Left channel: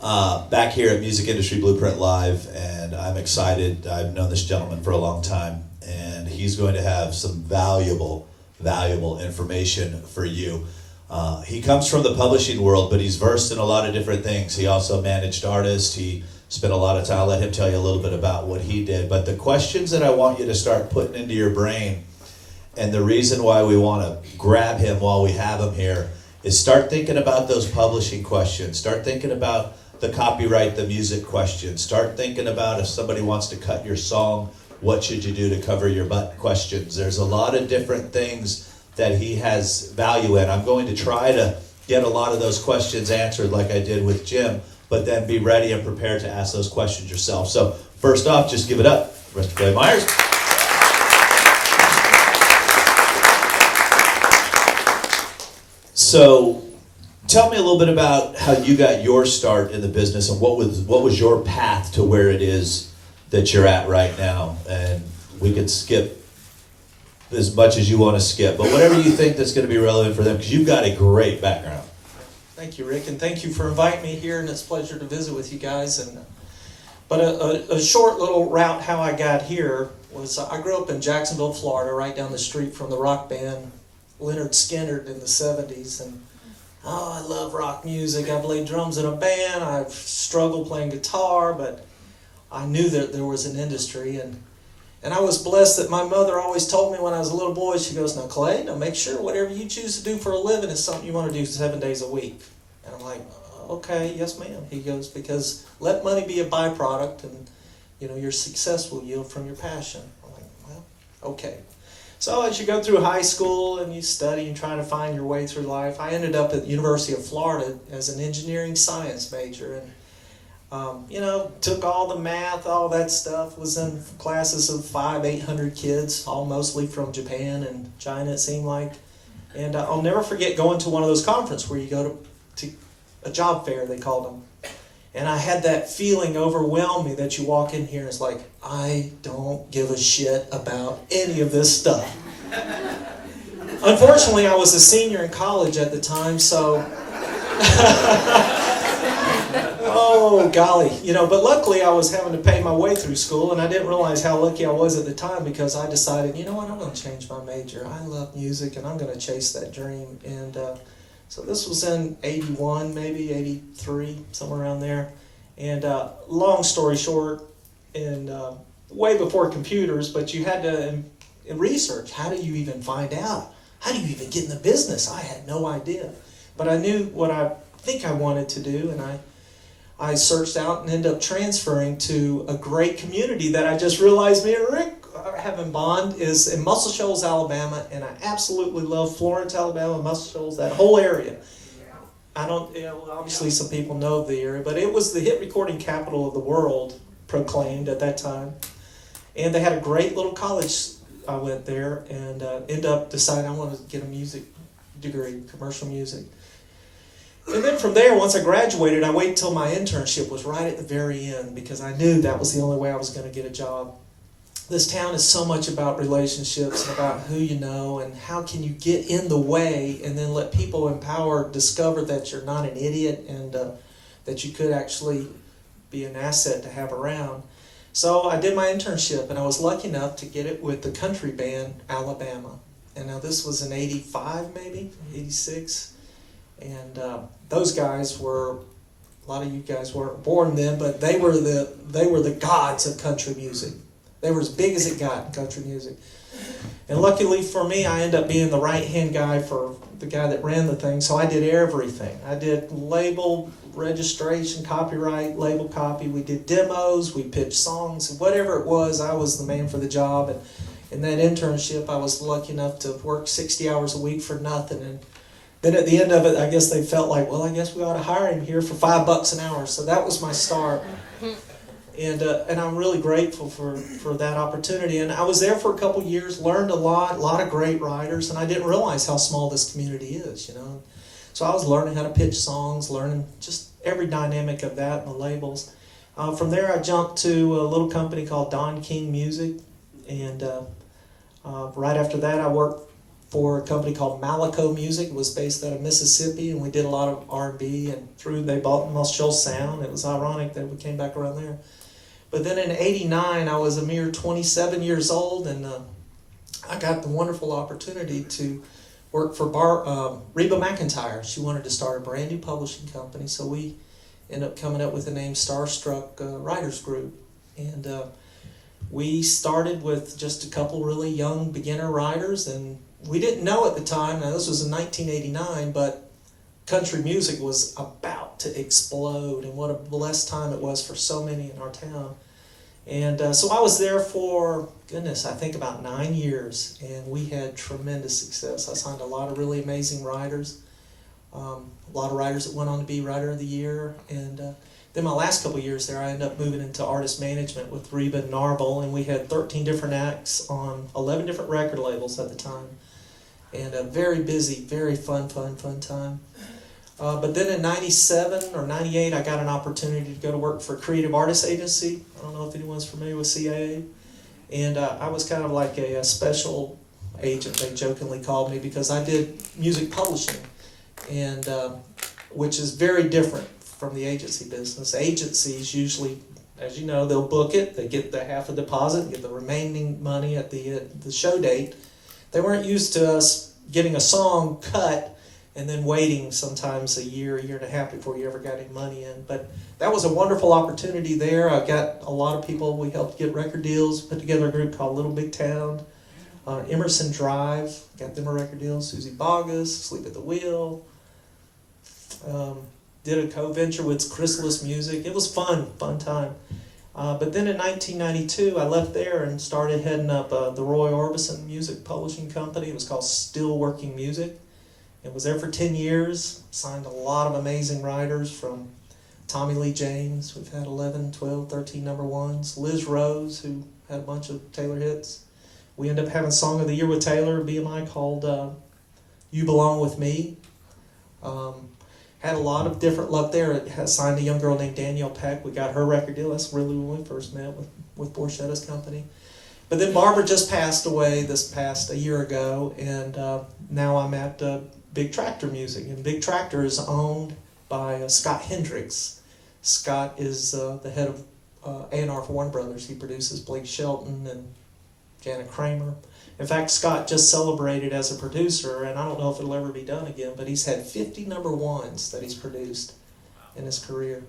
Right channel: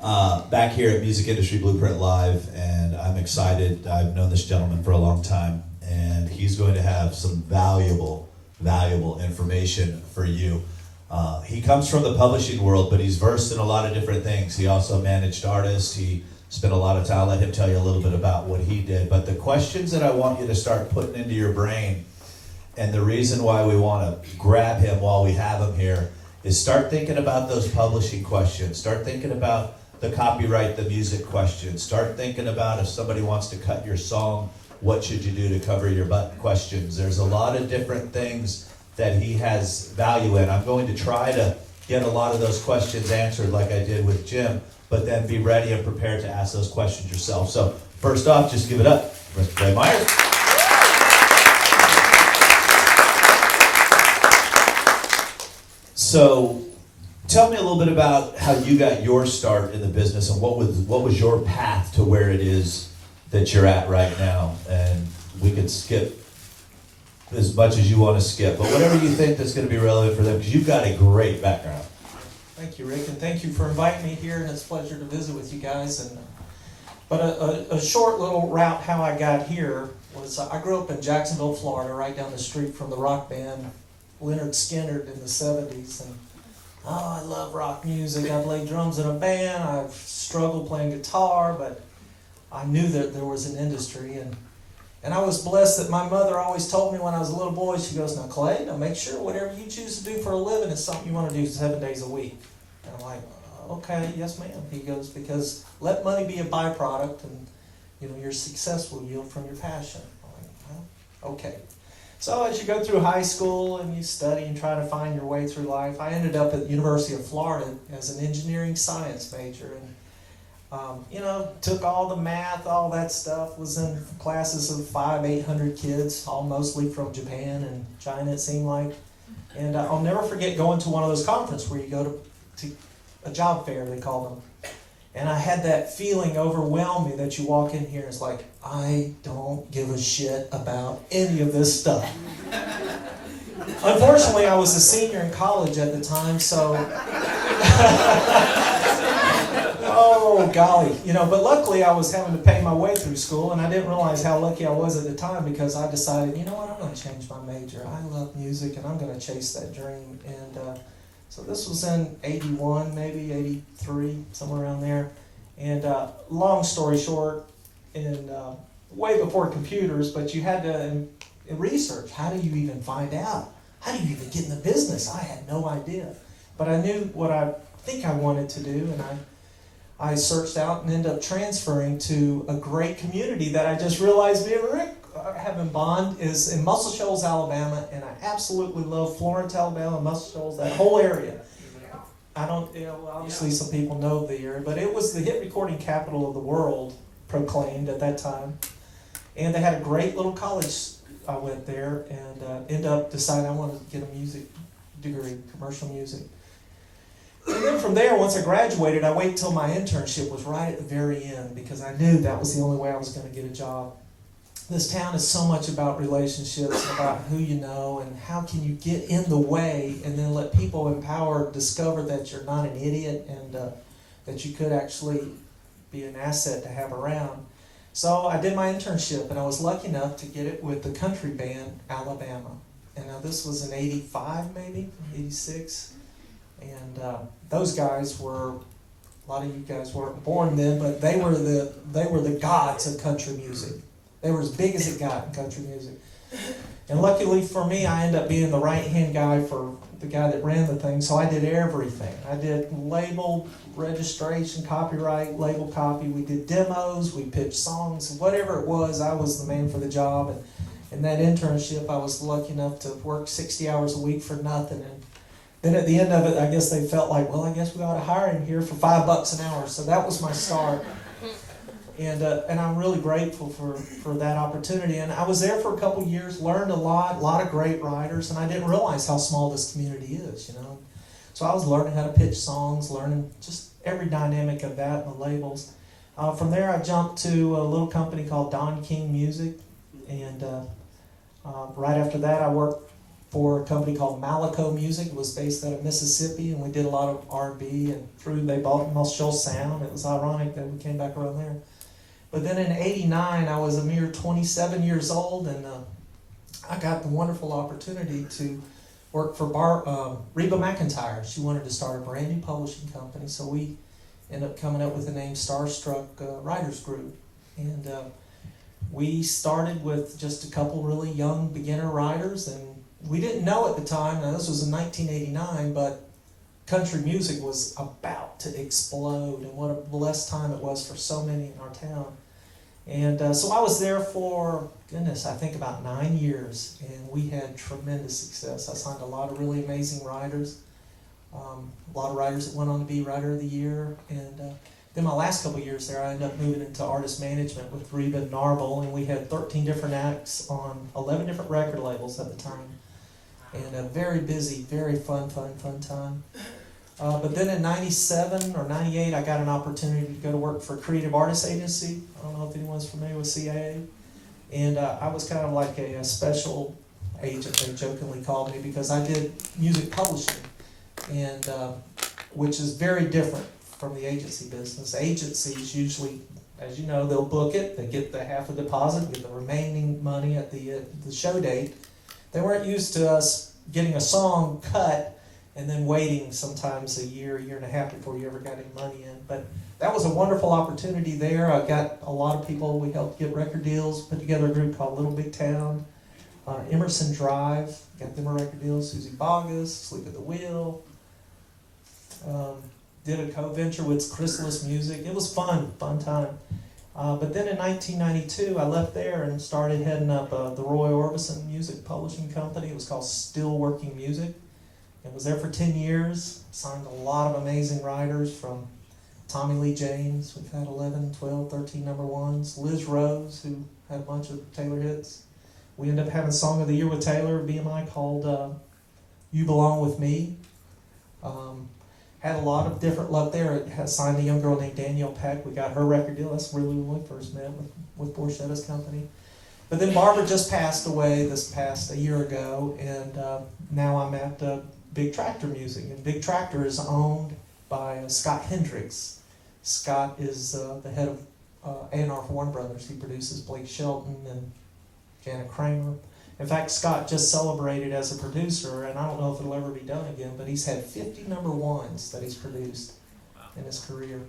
back here at Music Industry Blueprint Live, and I'm excited. I've known this gentleman for a long time, and he's going to have some valuable information for you. He comes from the publishing world, but he's versed in a lot of different things. He also managed artists. He spent a lot of time. I'll let him tell you a little bit about what he did. But the questions that I want you to start putting into your brain, and the reason why we want to grab him while we have him here, is start thinking about those publishing questions. Start thinking about the copyright, the music questions. Start thinking about if somebody wants to cut your song, what should you do to cover your butt questions. There's a lot of different things that he has value in. I'm going to try to get a lot of those questions answered like I did with Jim, but then be ready and prepared to ask those questions yourself. So first off, just give it up for Mr. Clay Myers. So tell me a little bit about how you got your start in the business, and what was your path to where it is that you're at right now. And we could skip as much as you want to skip, but whatever you think that's going to be relevant for them, because you've got a great background. Thank you, Rick, and thank you for inviting me here, and it's a pleasure to visit with you guys. But a short little route how I got here was I grew up in Jacksonville, Florida, right down the street from the rock band Leonard Skinner in the 70s, and I love rock music. I played drums in a band. I've struggled playing guitar, but I knew that there was an industry, and I was blessed that my mother always told me when I was a little boy, she goes, "Now Clay, now make sure whatever you choose to do for a living is something you want to do 7 days a week." And I'm like, "Okay, yes ma'am." He goes, "Because let money be a byproduct, and your success will yield from your passion." I'm like, "Well, okay." So as you go through high school and you study and try to find your way through life, I ended up at the University of Florida as an engineering science major, and took all the math, all that stuff, was in classes of 500-800 kids, all mostly from Japan and China, it seemed like. And I'll never forget going to one of those conferences where you go to a job fair, they called them. And I had that feeling overwhelm me that you walk in here and it's like, I don't give a shit about any of this stuff. Unfortunately, I was a senior in college at the time, so... Oh, golly. But luckily I was having to pay my way through school, and I didn't realize how lucky I was at the time, because I decided, you know what, I'm going to change my major. I love music, and I'm going to chase that dream. And so this was in 81, maybe 83, somewhere around there. And long story short, and way before computers, but you had to research. How do you even find out? How do you even get in the business? I had no idea. But I knew what I think I wanted to do, and I searched out and ended up transferring to a great community that I just realized me and Rick have in bond is in Muscle Shoals, Alabama, and I absolutely love Florence, Alabama, Muscle Shoals, that whole area. Obviously some people know the area, but it was the hit recording capital of the world, proclaimed at that time. And they had a great little college. I went there and ended up deciding I wanted to get a music degree, commercial music. And then from there, once I graduated, I waited till my internship was right at the very end, because I knew that was the only way I was going to get a job. This town is so much about relationships and about who you know, and how can you get in the way and then let people empowered discover that you're not an idiot, and that you could actually be an asset to have around. So I did my internship, and I was lucky enough to get it with the country band Alabama. And now this was in 85, maybe 86. And those guys were, a lot of you guys weren't born then, but they were the gods of country music. They were as big as it got in country music. And luckily for me, I ended up being the right-hand guy for the guy that ran the thing, so I did everything. I did label registration, copyright, label copy. We did demos, we pitched songs, whatever it was, I was the man for the job. And in that internship, I was lucky enough to work 60 hours a week for nothing. And then at the end of it, I guess they felt like, well, I guess we ought to hire him here for $5 an hour. So that was my start. And I'm really grateful for that opportunity. And I was there for a couple years, learned a lot of great writers, and I didn't realize how small this community is, So I was learning how to pitch songs, learning just every dynamic of that, the labels. From there, I jumped to a little company called Don King Music, and right after that, I worked for a company called Malaco Music. It was based out of Mississippi, and we did a lot of R&B, and they bought Must Show Sound. It was ironic that we came back around there. But then in '89, I was a mere 27 years old, and I got the wonderful opportunity to work for Reba McEntire. She wanted to start a brand new publishing company, so we ended up coming up with the name Starstruck Writers Group. And we started with just a couple really young beginner writers, and we didn't know at the time, now this was in 1989, but country music was about to explode, and what a blessed time it was for so many in our town. And so I was there for, goodness, I think about 9 years, and we had tremendous success. I signed a lot of really amazing writers, a lot of writers that went on to be Writer of the Year, and then my last couple of years there, I ended up moving into artist management with Reba and Narble, and we had 13 different acts on 11 different record labels at the time, and a very busy, very fun time. But then in 97 or 98, I got an opportunity to go to work for a creative artist agency. I don't know if anyone's familiar with CAA. And I was kind of like a special agent, they jokingly called me, because I did music publishing, and which is very different from the agency business. Agencies usually, as you know, they'll book it, they get the half a deposit, get the remaining money at the show date. They weren't used to us getting a song cut and then waiting sometimes a year and a half before you ever got any money in. But that was a wonderful opportunity there. I got a lot of people, we helped get record deals, put together a group called Little Big Town. Emerson Drive, got them a record deal. Susie Bogus, Sleep at the Wheel. Did a co-venture with Chrysalis Music. It was fun time. But then in 1992, I left there and started heading up the Roy Orbison Music Publishing Company. It was called Still Working Music. It was there for 10 years, signed a lot of amazing writers from Tommy Lee James. We've had 11, 12, 13 number ones. Liz Rose, who had a bunch of Taylor hits. We ended up having Song of the Year with Taylor, BMI, called You Belong With Me. Had a lot of different luck there. It has signed a young girl named Danielle Peck. We got her record deal. That's really when we first met with Borchetta's company. But then Barbara just passed away a year ago, and now I'm at Big Tractor Music. And Big Tractor is owned by Scott Hendricks. Scott is the head of A&R for Warner Brothers. He produces Blake Shelton and Janet Kramer. In fact, Scott just celebrated as a producer, and I don't know if it'll ever be done again, but he's had 50 number ones that he's produced in his career,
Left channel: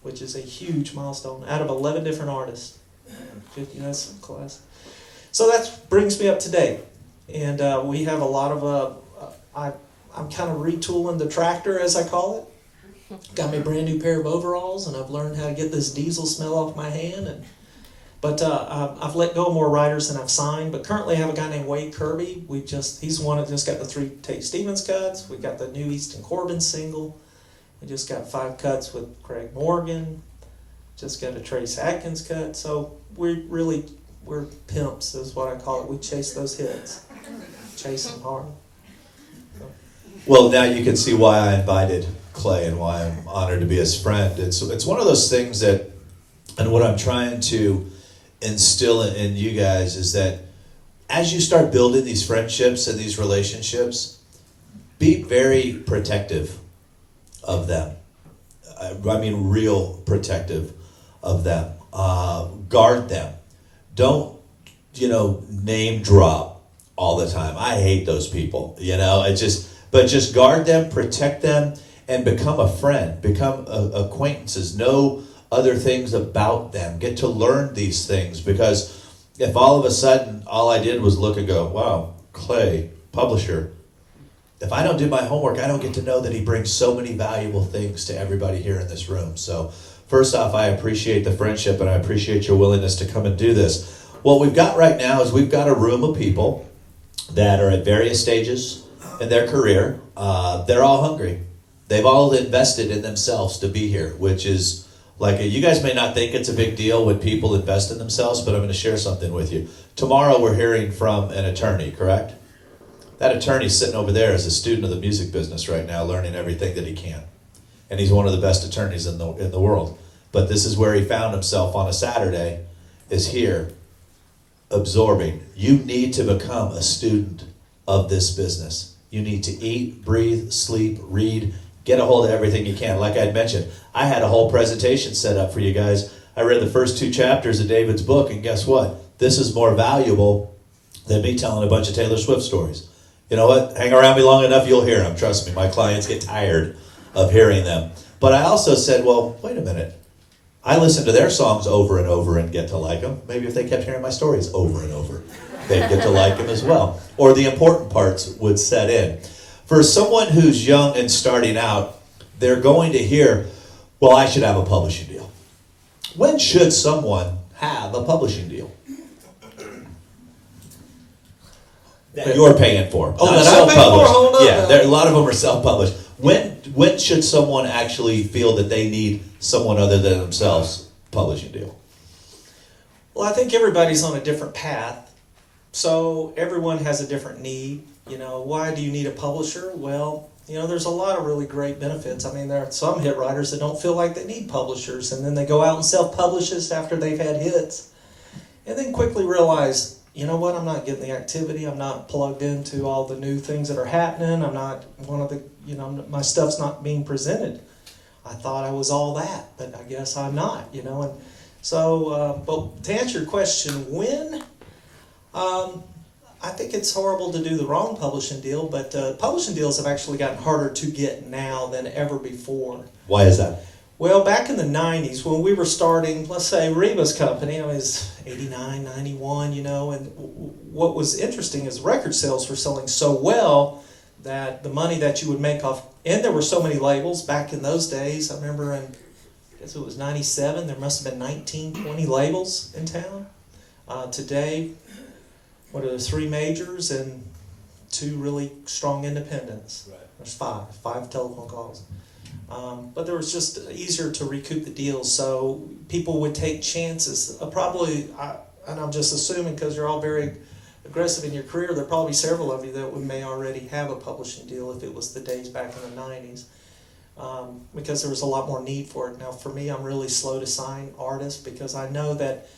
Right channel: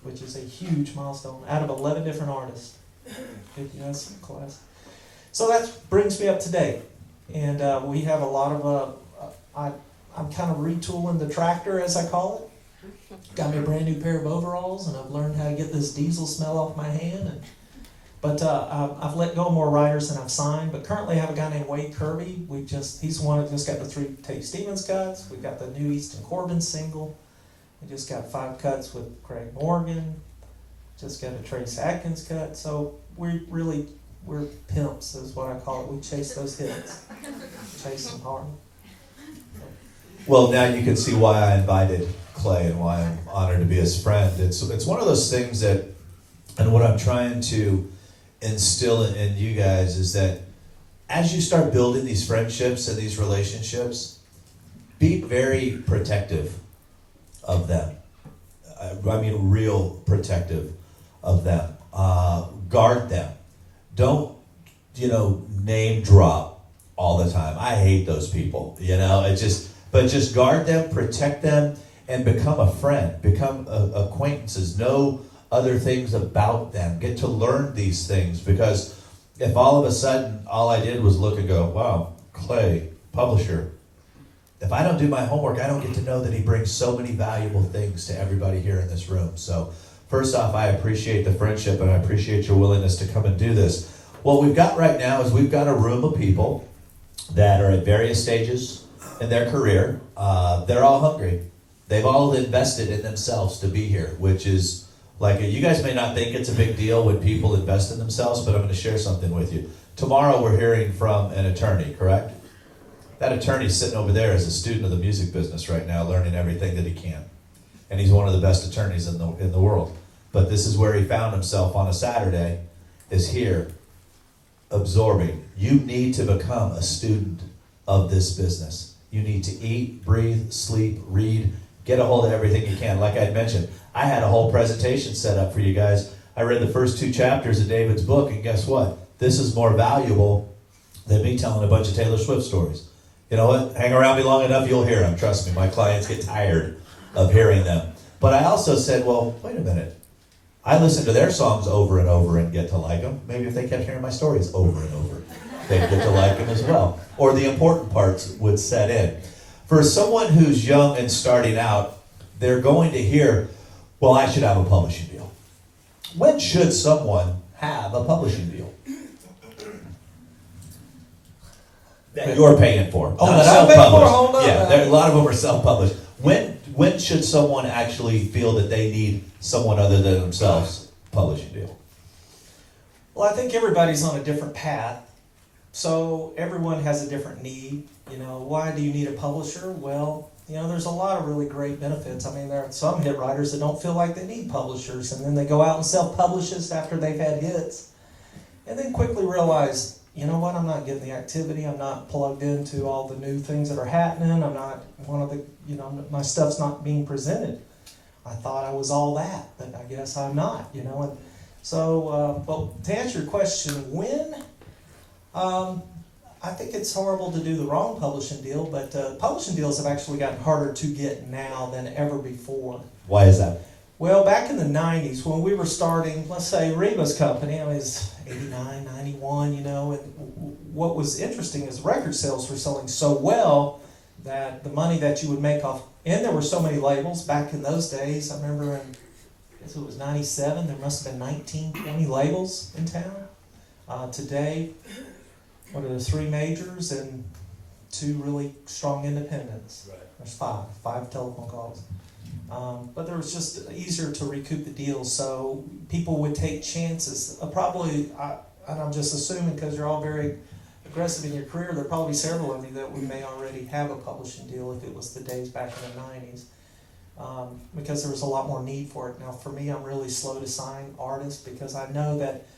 which is a huge milestone, out of 11 different artists. 50, that's class. So that brings me up to date, and we have a lot of, I'm kind of retooling the tractor, as I call it. Got me a brand new pair of overalls, and I've learned how to get this diesel smell off my hand, But I've let go of more writers than I've signed. But currently I have a guy named Wade Kirby. He's the one that just got the 3 Tate Stevens cuts. We got the new Easton Corbin single. We just got 5 cuts with Craig Morgan. Just got a Trace Atkins cut. So we're pimps, is what I call it. We chase those hits. Chase them hard. So. Well, now you can see why I invited Clay and why I'm honored to be his friend. It's one of those things that, and what I'm trying to instill in you guys is that as you start building these friendships and these relationships, be very protective of them. I mean, real protective of them. Guard them. Don't, name drop all the time. I hate those people, but just guard them, protect them, and become a friend, become acquaintances, know other things about them, get to learn these things, because if all of a sudden all I did was look and go, wow, Clay, publisher, if I don't do my homework, I don't get to know that he brings so many valuable things to everybody here in this room. So first off, I appreciate the friendship and I appreciate your willingness to come and do this. What we've got right now is we've got a room of people that are at various stages in their career. They're all hungry. They've all invested in themselves to be here, which is you guys may not think it's a big deal when people invest in themselves, but I'm going to share something with you. Tomorrow we're hearing from an attorney, correct? That attorney's sitting over there as a student of the music business right now, learning everything that he can. And he's one of the best attorneys in the world. But this is where he found himself on a Saturday, is here, absorbing. You need to become a student of this business. You need to eat, breathe, sleep, read, get a hold of everything you can. Like I'd mentioned, I had a whole presentation set up for you guys. I read the first 2 chapters of David's book, and guess what? This is more valuable than me telling a bunch of Taylor Swift stories. You know what? Hang around me long enough, you'll hear them. Trust me, my clients get tired of hearing them. But I also said, well, wait a minute. I listen to their songs over and over and get to like them. Maybe if they kept hearing my stories over and over, they'd get to like them as well. Or the important parts would set in. For someone who's young and starting out, they're going to hear, well, I should have a publishing deal. When should someone have a publishing deal? That you're paying for. Oh, not that I'm paying for? self-published. Hold on. Yeah, a lot of them are self-published. When should someone actually feel that they need someone other than themselves publishing deal? Well, I think everybody's on a different path, so everyone has a different need. You know, why do you need a publisher? Well, you know, there's a lot of really great benefits. I mean, there are some hit writers that don't feel like they need publishers, and then they go out and self-publish this after they've had hits, and then quickly realize, you know what, I'm not getting the activity, I'm not plugged into all the new things that are happening, I'm not one of the, you know, my stuff's not being presented. I thought I was all that, but I guess I'm not, you know. And so, but to answer your question, when, I think it's horrible to do the wrong publishing deal, but publishing deals have actually gotten harder to get now than ever before. Why is that? Well, back in the 90s, when we were starting, let's say Reba's company, I was 89, 91, you know, and what was interesting is record sales were selling so well that the money that you would make off, and there were so many labels back in those days. I remember in, I guess it was 97, there must have been 19, 20 labels in town. Today, what are the 3 majors and 2 really strong independents? Right. There's 5 telephone calls. But there was just easier to recoup the deals, so people would take chances. Probably, and I'm just assuming because you're all very aggressive in your career, there are probably several of you that may already have a publishing deal if it was the days back in the 90s, because there was a lot more need for it. Now, for me, I'm really slow to sign artists because I know that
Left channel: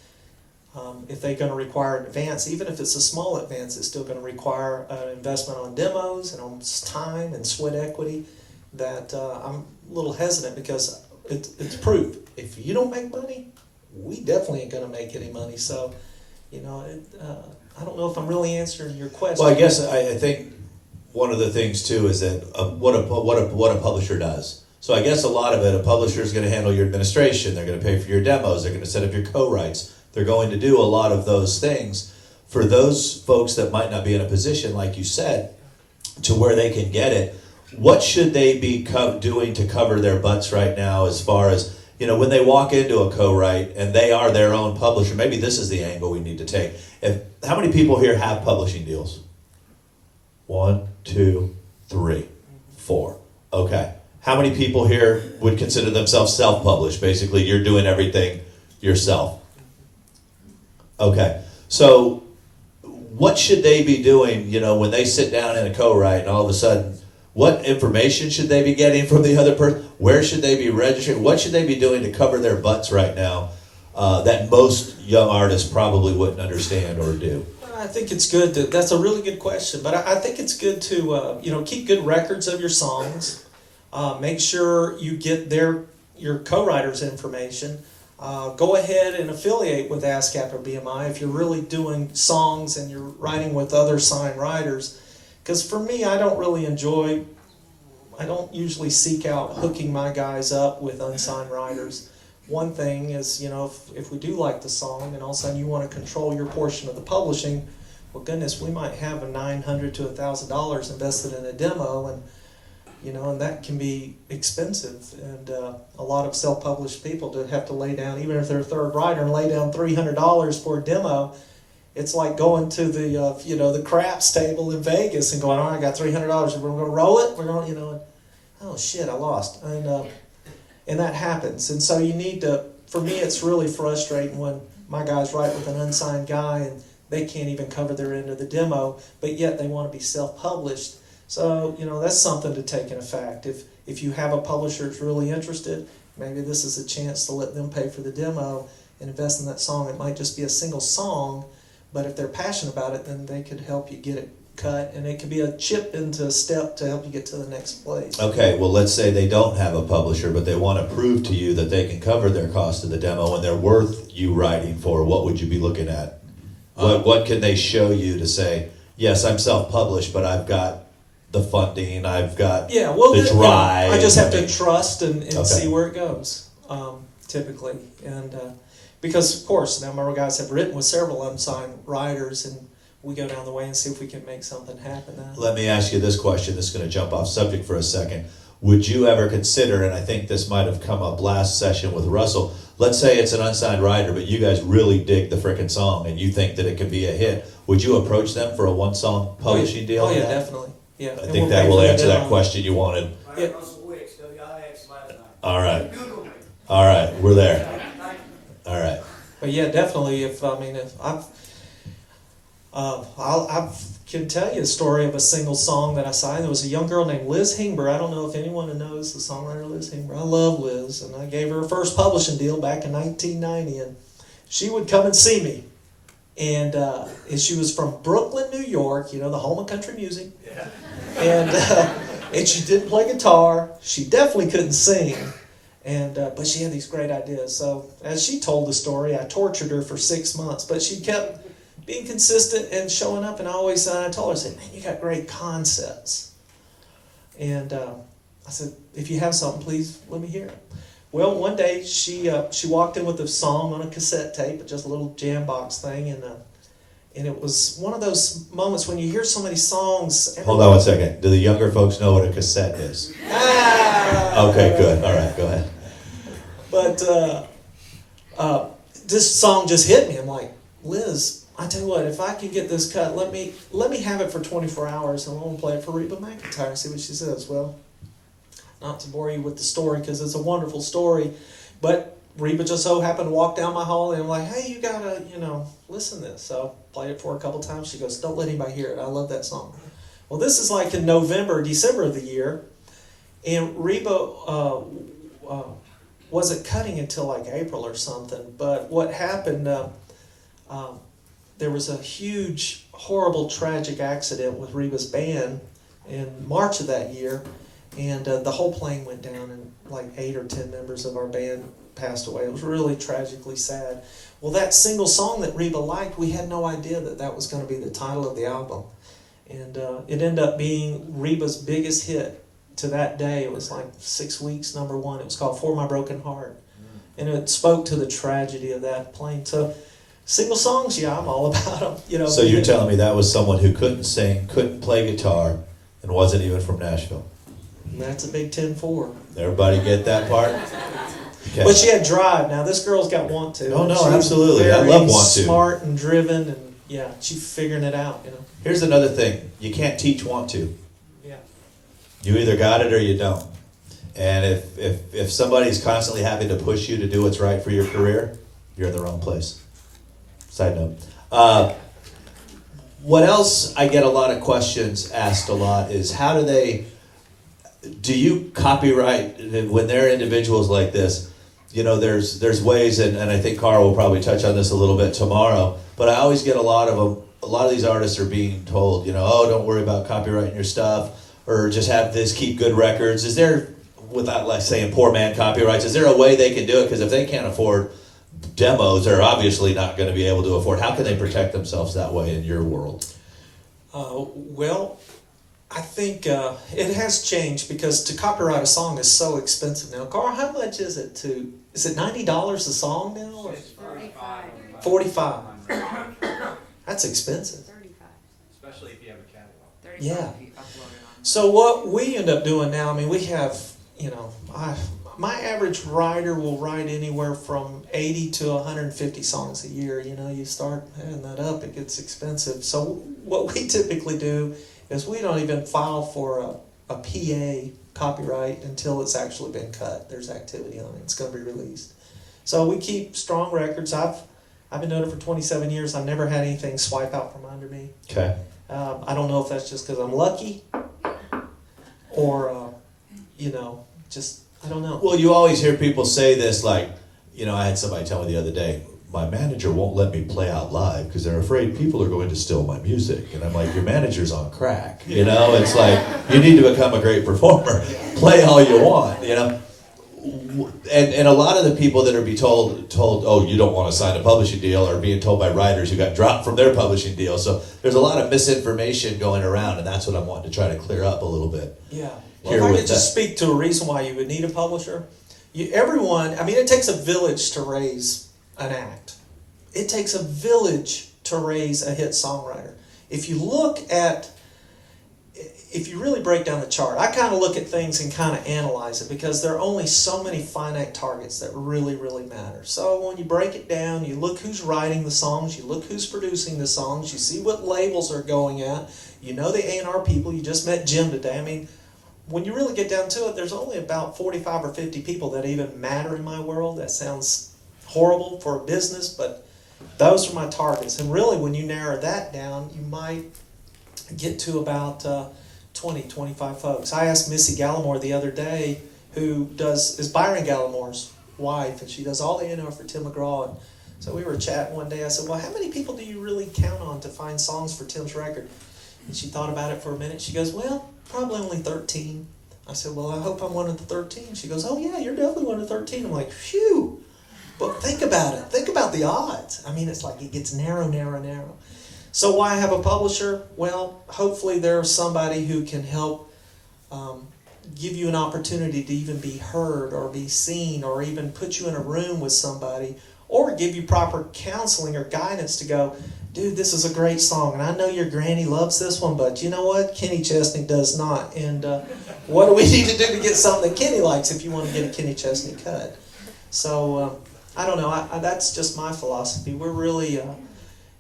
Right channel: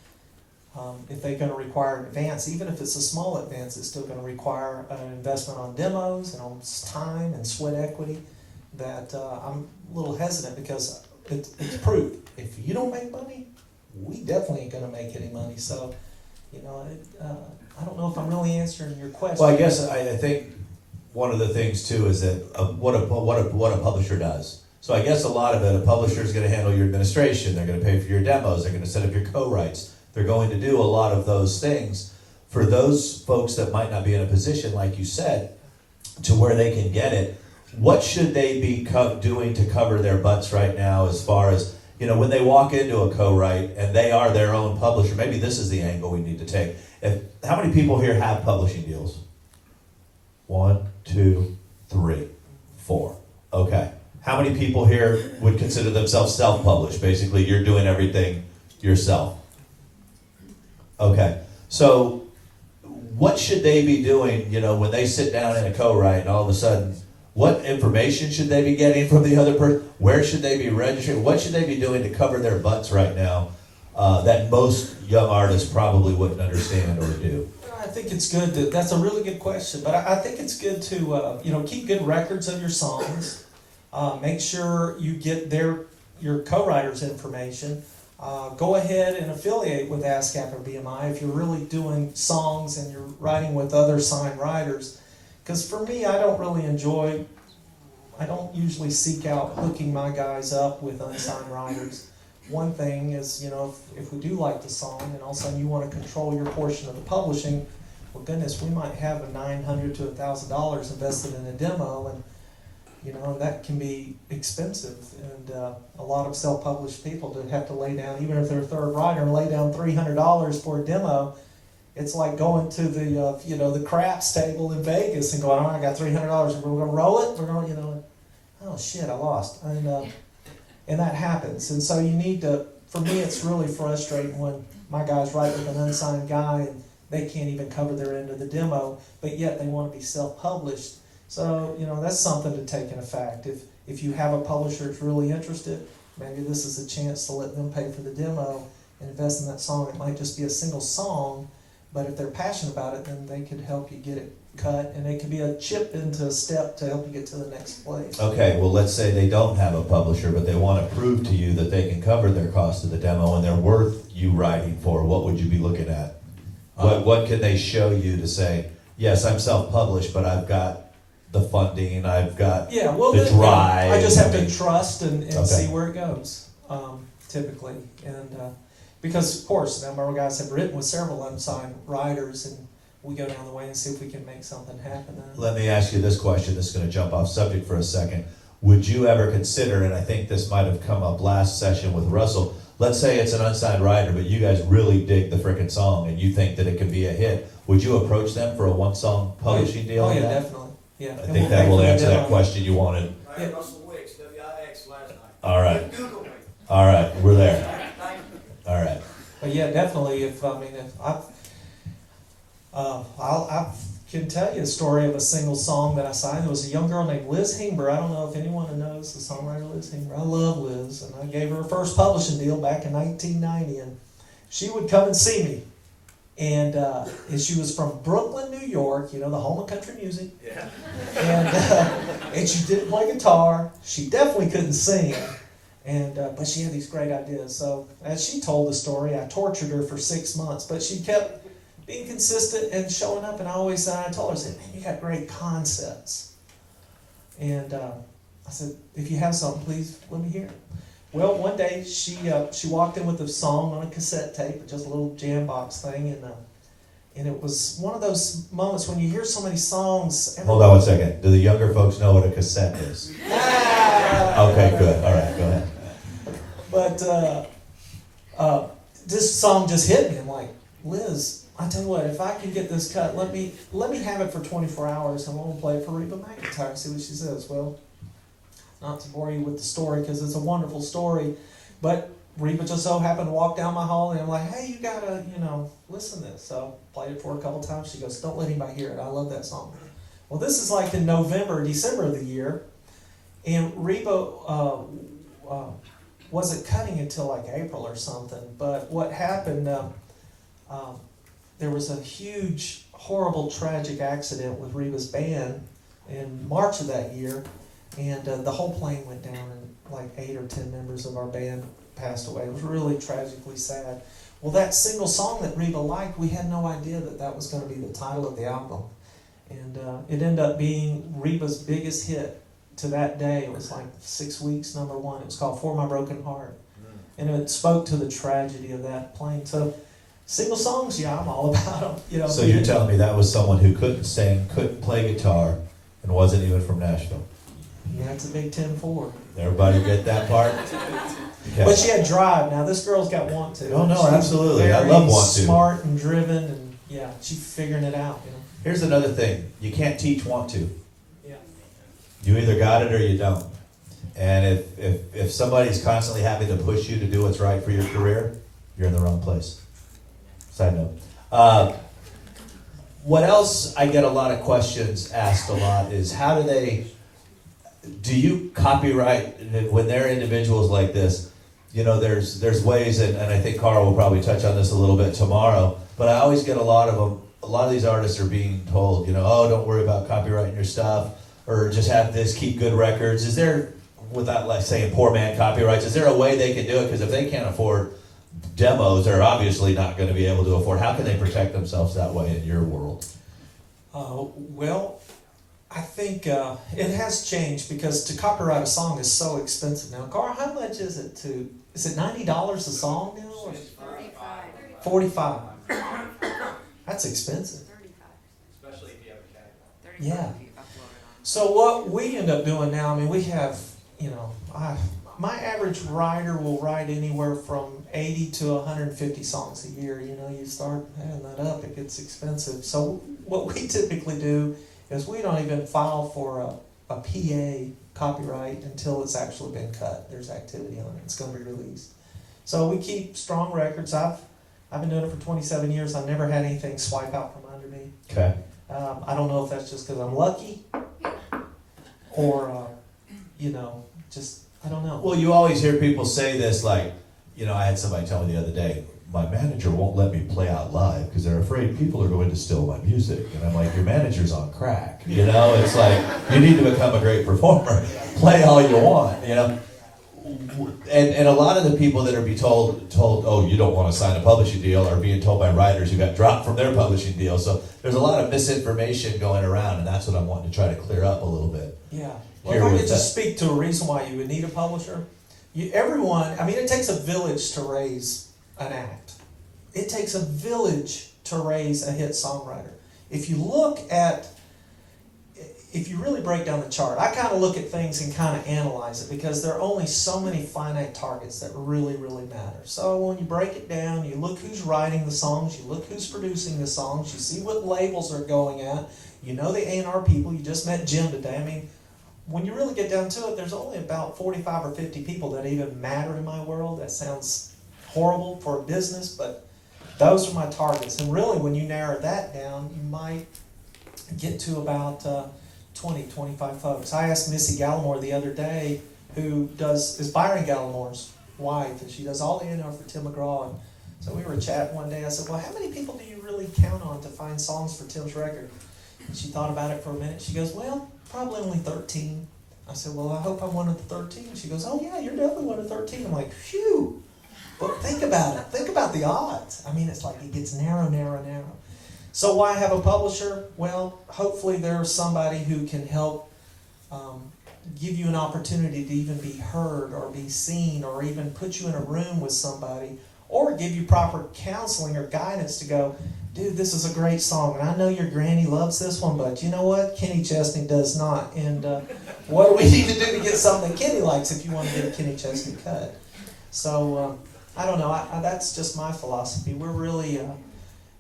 if they're going to require an advance, even if it's a small advance, it's still going to require an investment on demos and on time and sweat equity. That I'm a little hesitant because it's proof. If you don't make money, we definitely ain't going to make any money. So, you know, I don't know if I'm really answering your question. Well, I guess I think one of the things too is that what a publisher does. So I guess a lot of it, a publisher is going to handle your administration. They're going to pay for your demos. They're going to set up your co-writes. They're going to do a lot of those things. For those folks that might not be in a position, like you said, to where they can get it, what should they be doing to cover their butts right now as far as, you know, when they walk into a co-write and they are their own publisher? Maybe this is the angle we need to take. How many people here have publishing deals? 1, 2, 3, 4. Okay. How many people here would consider themselves self-published? Basically, you're doing everything yourself. Okay. So what should they be doing, you know, when they sit down in a co-write and all of a sudden, what information should they be getting from the other person? Where should they be registering? What should they be doing to cover their butts right now that most young artists probably wouldn't understand or do? I think it's good to, that's a really good question, but I think it's good to, you know, keep good records of your songs. Make sure you get your co-writer's information. Go ahead and affiliate with ASCAP or BMI if you're really doing songs and you're writing with other signed writers. Because for me, I don't usually seek out hooking my guys up with unsigned writers. One thing is, you know, if we do like the song and all of a sudden you want to control your portion of the publishing, well, goodness, we might have a $900 to $1,000 invested in a demo, and you know, and that can be expensive. And a lot of self-published people that have to lay down, even if they're a third writer, and lay down $300 for a demo. It's like going to the you know, the craps table in Vegas and going, oh, I got $300. We're going to roll it. We're going, you know, and, oh shit, I lost. And that happens. And so you need to. For me, it's really frustrating when my guys write with an unsigned guy and they can't even cover their end of the demo, but yet they want to be self-published. So, you know, that's something to take in effect. If you have a publisher that's really interested, maybe this is a chance to let them pay for the demo and invest in that song. It might just be a single song, but if they're passionate about it, then they could help you get it cut, and it can be a chip into a step to help you get to the next place. Okay, well, let's say they don't have a publisher, but they want to prove to you that they can cover their cost of the demo and they're worth you writing for. What would you be looking at? What can they show you to say, yes, I'm self-published, but I've got the funding, I've got the drive. I just have to trust and Okay. see where it goes, typically. And because, of course, now my guys have written with several unsigned writers, and we go down the way and see if we can make something happen. Let me ask you this question. This is going to jump off subject for a second. Would you ever consider, and I think this might have come up last session with Russell, let's say it's an unsigned writer, but you guys really dig the frickin' song and you think that it can be a hit. Would you approach them for a one-song publishing deal? Oh, yeah, definitely. Yeah. I think that will answer that question you wanted. Yeah. All right. All right, we're there. All right. But yeah, definitely. If I can tell you a story of a single song that I signed. There was a young girl named Liz Hengber. I don't know if anyone knows the songwriter Liz Hengber. I love Liz, and I gave her first publishing deal back in 1990, and she would come and see me. And she was from Brooklyn, New York, the home of country music. Yeah. And she didn't play guitar. She definitely couldn't sing. And but she had these great ideas. So as she told the story, I tortured her for 6 months, but she kept being consistent and showing up. And I told her, I said, man, you got great concepts. And I said, if you have something, please let me hear it. Well, one day she walked in with a song on a cassette tape, just a little jam box thing, and it was one of those moments when you hear so many songs. Hold on one second. Do the younger folks know what a cassette is? Okay, good. All right, go ahead. But this song just hit me. I'm like, Liz, I tell you what, if I can get this cut, let me have it for 24 hours, and I'm going to play it for Reba McEntire, see what she says. Well, not to bore you with the story, because it's a wonderful story, but Reba just so happened to walk down my hall, and I'm like, hey, you got to, listen to this. So I played it for a couple times. She goes, don't let anybody hear it. I love that song. Well, this is like in November, December of the year, and Reba wasn't cutting until like April or something. But what happened, there was a huge, horrible, tragic accident with Reba's band in March of that year, and the whole plane went down, and like 8 or 10 members of our band passed away. It was really tragically sad. Well, that single song that Reba liked, we had no idea that was going to be the title of the album. And it ended up being Reba's biggest hit to that day. It was like 6 weeks, number one. It was called For My Broken Heart. And it spoke to the tragedy of that plane. So single songs, yeah, I'm all about them. So you're telling me that was someone who couldn't sing, couldn't play guitar, and wasn't even from Nashville? And that's a big 10-4. Everybody get that part? Okay. But she had drive. Now, this girl's got want to. Oh, no, She's absolutely. I very love want to. Smart and driven, and yeah, she's figuring it out, Here's another thing. You can't teach want to. Yeah. You either got it or you don't. And if somebody's constantly having to push you to do what's right for your career, you're in the wrong place. Side note. What else I get a lot of questions asked a lot is do you copyright when there are individuals like this? There's ways, and I think Carl will probably touch on this a little bit tomorrow, but I always get a lot of these artists are being told, oh, don't worry about copyrighting your stuff, or just have this, keep good records. Is there, without like saying poor man copyrights, is there a way they can do it? Because if they can't afford demos, they're obviously not going to be able to afford. How can they protect themselves that way in your world? Well, I think it has changed, because to copyright a song is so expensive now. Carl, how much is it is it $90 a song now? Or $45. That's expensive. Especially if you have a category. Yeah. So what we end up doing now, we have, my average writer will write anywhere from 80 to 150 songs a year. You start adding that up, it gets expensive. So what we typically do is we don't even file for a PA copyright until it's actually been cut. There's activity on it. It's going to be released. So we keep strong records. I've been doing it for 27 years. I've never had anything swipe out from under me. Okay. I don't know if that's just because I'm lucky or, just, I don't know. Well, you always hear people say this, like, I had somebody tell me the other day, my manager won't let me play out live because they're afraid people are going to steal my music. And I'm like, your manager's on crack. You know, it's like, you need to become a great performer. Play all you want, you know. And a lot of the people that are told, oh, you don't want to sign a publishing deal, are being told by writers who got dropped from their publishing deal. So there's a lot of misinformation going around, and that's what I'm wanting to try to clear up a little bit. Yeah. Well, if I could just speak to a reason why you would need a publisher. It takes a village to raise an act. It takes a village to raise a hit songwriter. If you really break down the chart, I kind of look at things and kind of analyze it because there are only so many finite targets that really, really matter. So when you break it down, you look who's writing the songs, you look who's producing the songs, you see what labels are going at, you know the A&R people, you just met Jim today. I mean, when you really get down to it, there's only about 45 or 50 people that even matter in my world. That sounds horrible for a business, but those are my targets. And really, when you narrow that down, you might get to about 20, 25 folks. I asked Missy Gallimore the other day, who is Byron Gallimore's wife, and she does all the A&R for Tim McGraw. And so we were chatting one day. I said, well, how many people do you really count on to find songs for Tim's record? And she thought about it for a minute. She goes, well, probably only 13. I said, well, I hope I'm one of the 13. She goes, oh yeah, you're definitely one of the 13. I'm like, phew. But think about it. Think about the odds. I mean, it's like it gets narrow, narrow, narrow. So why have a publisher? Well, hopefully there's somebody who can help give you an opportunity to even be heard or be seen, or even put you in a room with somebody, or give you proper counseling or guidance to go, dude, this is a great song, and I know your granny loves this one, but you know what? Kenny Chesney does not. And what do we need to do to get something that Kenny likes if you want to get a Kenny Chesney cut? So I don't know. That's just my philosophy. We're really...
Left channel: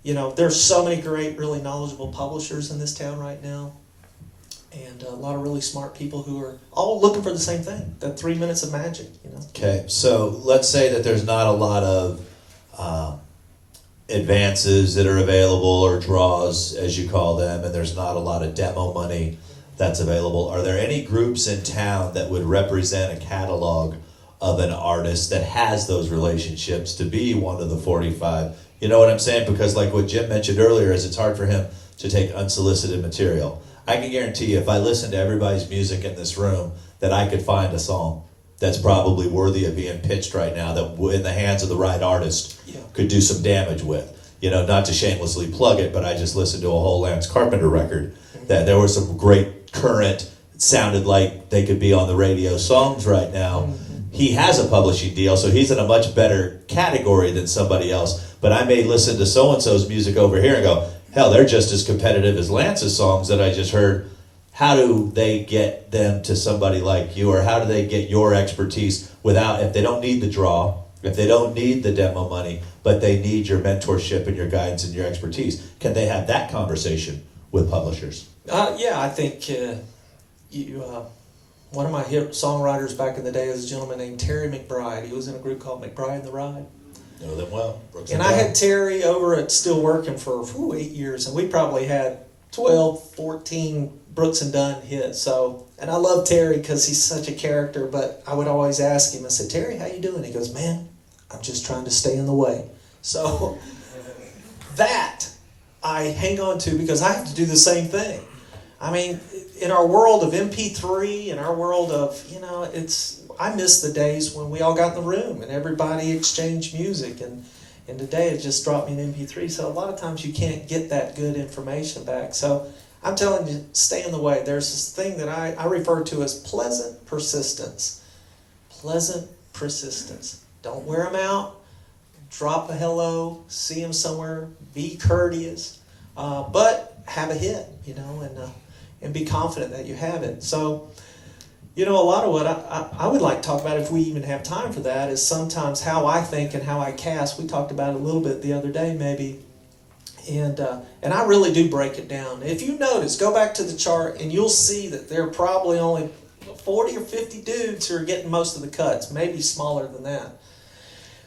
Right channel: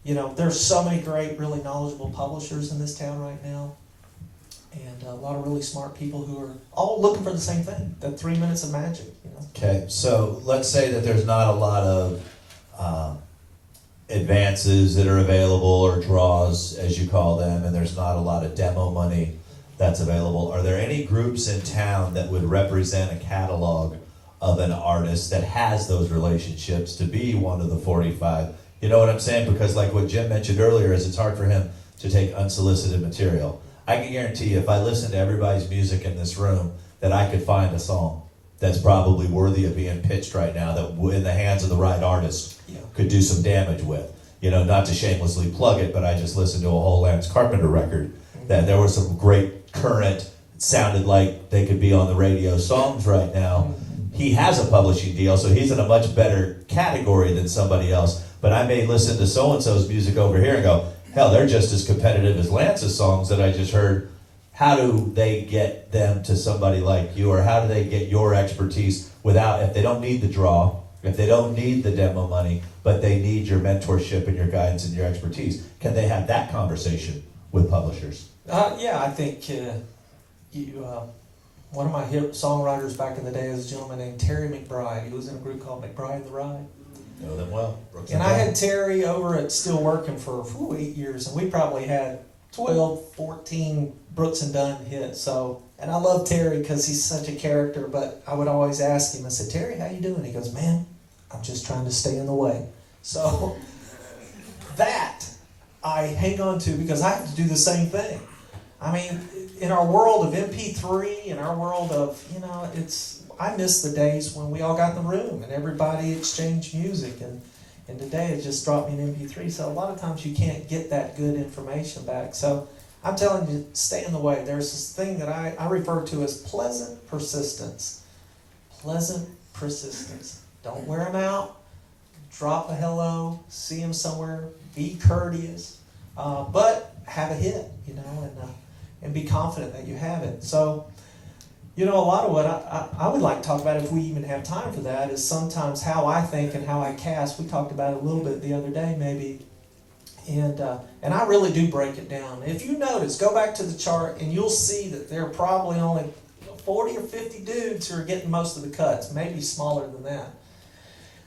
there's so many great, really knowledgeable publishers in this town right now, and a lot of really smart people who are all looking for the same thing, that 3 minutes of magic, Okay, so let's say that there's not a lot of advances that are available, or draws, as you call them, and there's not a lot of demo money that's available. Are there any groups in town that would represent a catalog of an artist that has those relationships to be one of the 45? You know what I'm saying? Because like what Jim mentioned earlier, is it's hard for him to take unsolicited material. I can guarantee you, if I listen to everybody's music in this room, that I could find a song that's probably worthy of being pitched right now, that in the hands of the right artist could do some damage with. Not to shamelessly plug it, but I just listened to a whole Lance Carpenter record that there were some great current, it sounded like they could be on the radio songs right now. He has a publishing deal, so he's in a much better category than somebody else. But I may listen to so-and-so's music over here and go, hell, they're just as competitive as Lance's songs that I just heard. How do they get them to somebody like you, or how do they get your expertise if they don't need the draw, if they don't need the demo money, but they need your mentorship and your guidance and your expertise? Can they have that conversation with publishers? I think one of my hit songwriters back in the day is a gentleman named Terry McBride. He was in a group called McBride and the Ride. Know them well. And I had Terry over at Still Working for 8 years, and we probably had 12, 14 Brooks and Dunn hits. And I love Terry because he's such a character, but I would always ask him, I said, Terry, how you doing? He goes, man, I'm just trying to stay in the way. So that I hang on to because I have to do the same thing. I mean, in our world of MP3, in our world of, I miss the days when we all got in the room and everybody exchanged music, and today it just dropped me an MP3. So a lot of times you can't get that good information back. So I'm telling you, stay in the way. There's this thing that I refer to as pleasant persistence. Pleasant persistence. Don't wear them out. Drop a hello. See them somewhere. Be courteous. But have a hit, and be confident that you have it. So, a lot of what I would like to talk about, if we even have time for that, is sometimes how I think and how I cast. We talked about it a little bit the other day, maybe. And I really do break it down. If you notice, go back to the chart and you'll see that there are probably only 40 or 50 dudes who are getting most of the cuts, maybe smaller than that.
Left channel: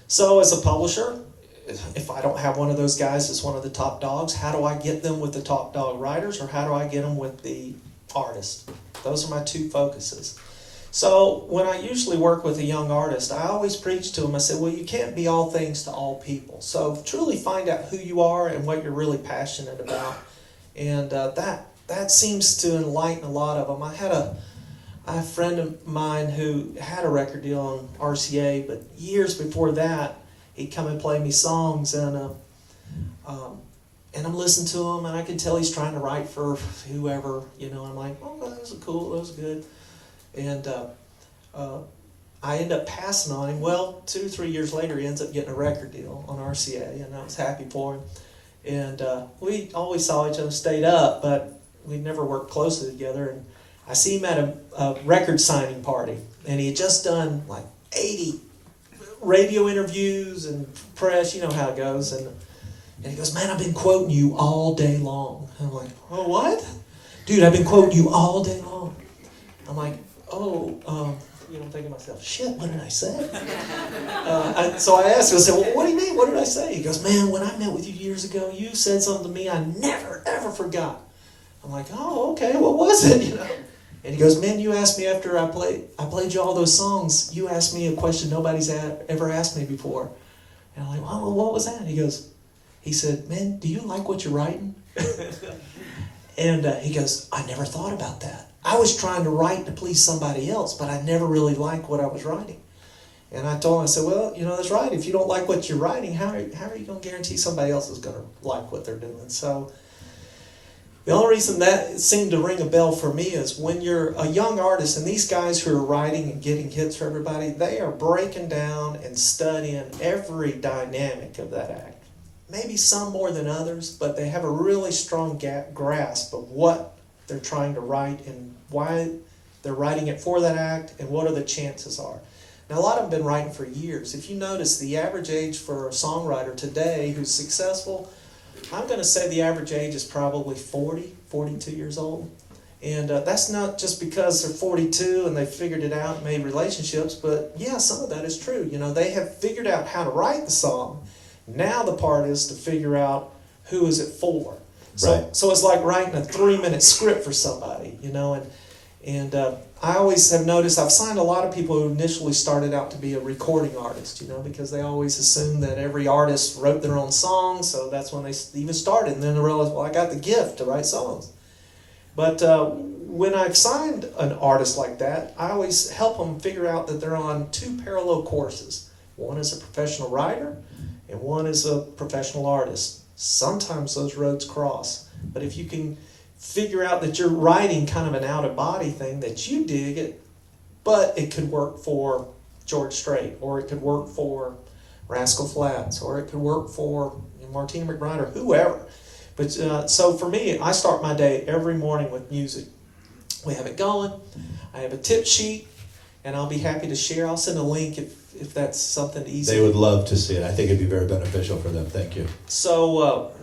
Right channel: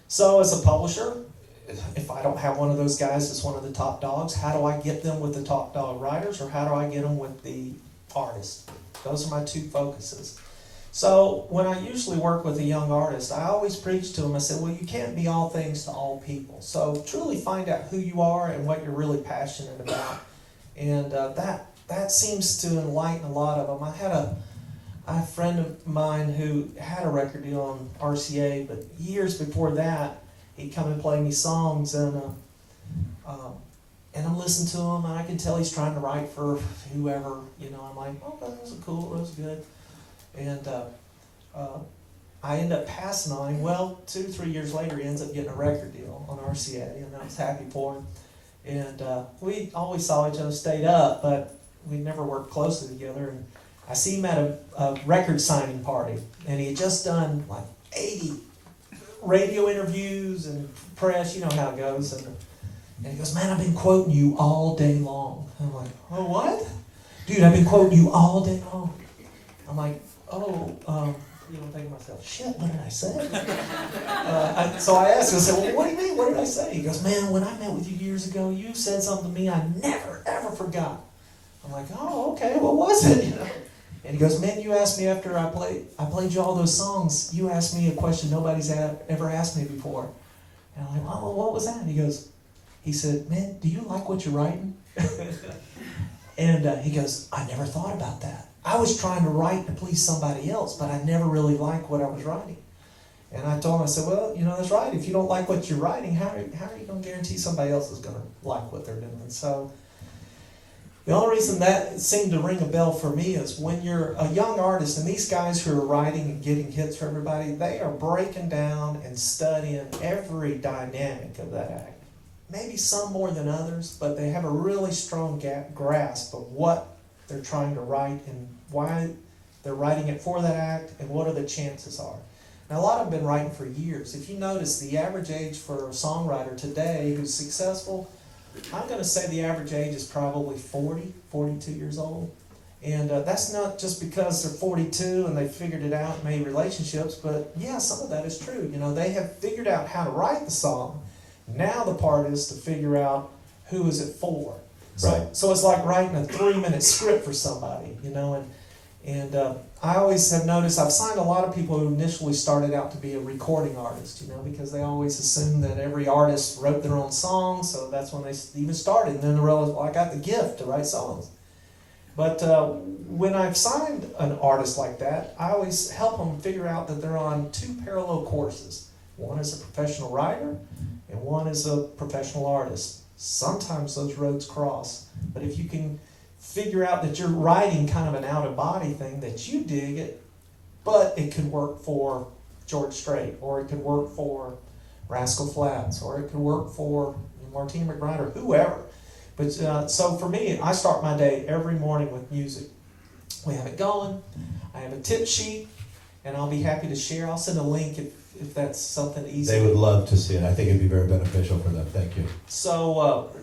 So as a publisher, if I don't have one of those guys as one of the top dogs, how do I get them with the top dog writers, or how do I get them with the artist? Those are my two focuses. So when I usually work with a young artist, I always preach to them. I said, well, you can't be all things to all people. So truly find out who you are and what you're really passionate about. And that seems to enlighten a lot of them. I had a friend of mine who had a record deal on RCA, but years before that, he'd come and play me songs, and I'm listening to him, and I can tell he's trying to write for whoever, I'm like, oh, that was cool, that was good. And I end up passing on him. Well, 2-3 years later, he ends up getting a record deal on RCA, and I was happy for him. And we always saw each other, stayed up, but we never worked closely together. And I see him at a record signing party, and he had just done like 80 radio interviews and press, you know how it goes. And he goes, man, I've been quoting you all day long. I'm like, oh, what? Dude, I've been quoting you all day long. I'm like, I'm thinking to myself, shit, what did I say? So I asked him, I said, well, what do you mean? What did I say? He goes, man, when I met with you years ago, you said something to me I never, ever forgot. I'm like, oh, okay, what was it? And he goes, man, you asked me after I played you all those songs, you asked me a question nobody's ever asked me before. And I'm like, oh, what was that? He said, man, do you like what you're writing? And he goes, I never thought about that. I was trying to write to please somebody else, but I never really liked what I was writing. And I told him, I said, well, that's right. If you don't like what you're writing, how are you going to guarantee somebody else is going to like what they're doing? So the only reason that seemed to ring a bell for me is when you're a young artist, and these guys who are writing and getting hits for everybody, they are breaking down and studying every dynamic of that act. Maybe some more than others, but they have a really strong grasp of what they're trying to write and why they're writing it for that act and what are the chances are. Now, a lot of them have been writing for years. If you notice, the average age for a songwriter today who's successful, I'm going to say the average age is probably 40, 42 years old. And that's not just because they're 42 and they figured it out and made relationships, but yeah, some of that is true. They have figured out how to write the song. Now the part is to figure out who is it for. So it's like writing a 3-minute script for somebody, and I always have noticed, I've signed a lot of people who initially started out to be a recording artist, because they always assume that every artist wrote their own songs, so that's when they even started, and then they realized, well, I got the gift to write songs. But when I've signed an artist like that, I always help them figure out that they're on 2 parallel courses. One is a professional writer, and one is a professional artist. Sometimes those roads cross, but if you can figure out that you're writing kind of an out-of-body thing, that you dig it, but it could work for George Strait, or it could work for Rascal Flatts, or it could work for Martina McBride, or whoever. But so for me, I start my day every morning with music. We have it going. I have a tip sheet, and I'll be happy to share. I'll send a link if that's something easy. They would love to see it. I think it'd be very beneficial for them. Thank you. So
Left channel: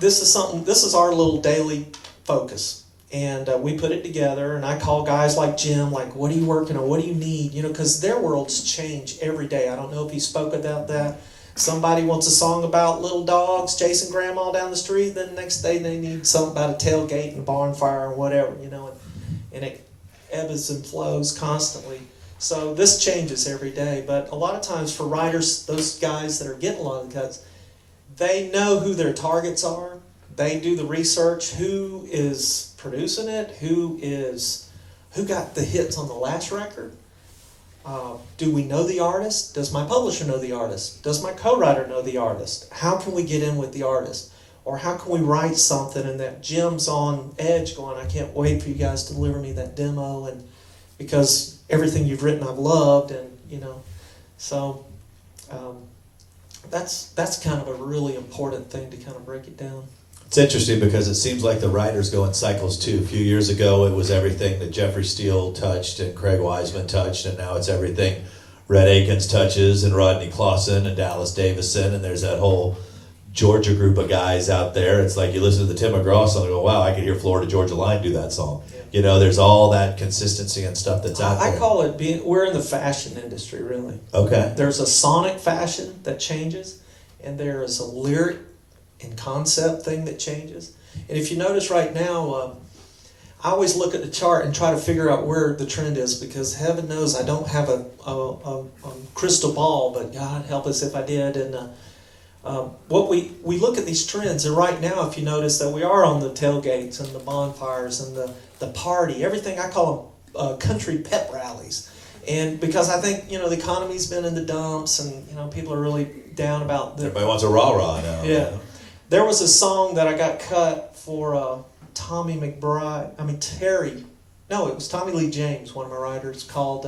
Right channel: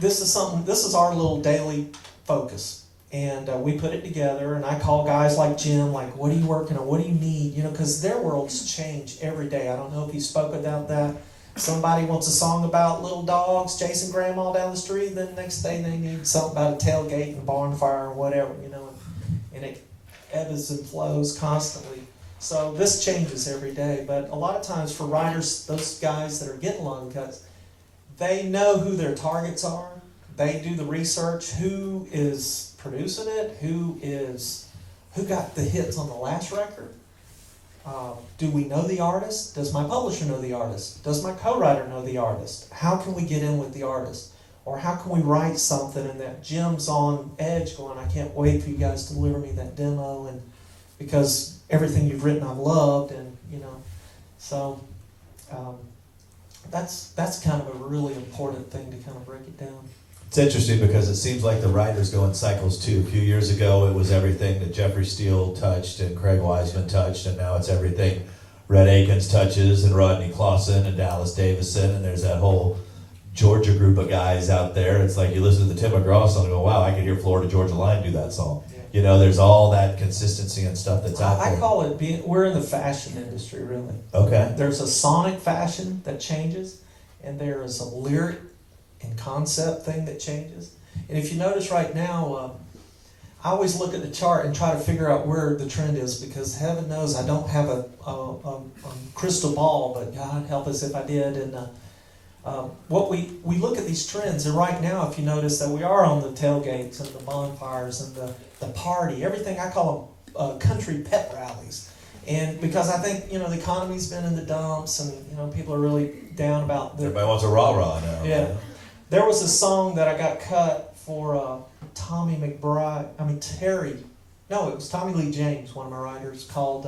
this is our little daily focus. And we put it together, and I call guys like Jim, like, what are you working on? What do you need? Because their worlds change every day. I don't know if he spoke about that. Somebody wants a song about little dogs chasing grandma down the street, then the next day they need something about a tailgate and a barn fire or whatever, and it ebbs and flows constantly. So this changes every day, but a lot of times for writers, those guys that are getting long cuts, they know who their targets are. They do the research, who is producing it, who got the hits on the last record. Do we know the artist? Does my publisher know the artist? Does my co-writer know the artist? How can we get in with the artist? Or how can we write something and that Jim's on edge going, I can't wait for you guys to deliver me that demo, and because everything you've written I've loved, and so that's kind of a really important thing to kind of break it down. It's interesting because it seems like the writers go in cycles too. A few years ago, it was everything that Jeffrey Steele touched and Craig Wiseman touched, and now it's everything Rhett Akins touches and Rodney Clawson and Dallas Davison, and there's that whole Georgia group of guys out there. It's like you listen to the Tim McGraw song and go, wow, I could hear Florida Georgia Line do that song. Yeah. There's all that consistency and stuff that's out there. I call it we're in the fashion industry, really. Okay. There's a sonic fashion that changes, and there is a lyric and concept thing that changes. And if you notice right now, I always look at the chart and try to figure out where the trend is, because heaven knows I don't have a crystal ball, but God help us if I did. And what we look at these trends, and right now, if you notice that we are on the tailgates and the bonfires and the party, everything, I call them country pep rallies. And because I think, the economy's been in the dumps, and, people are really down about the... Everybody wants a rah-rah now. Yeah. There was a song that I got cut for Tommy McBride. Terry. No, it was Tommy Lee James, one of my writers, called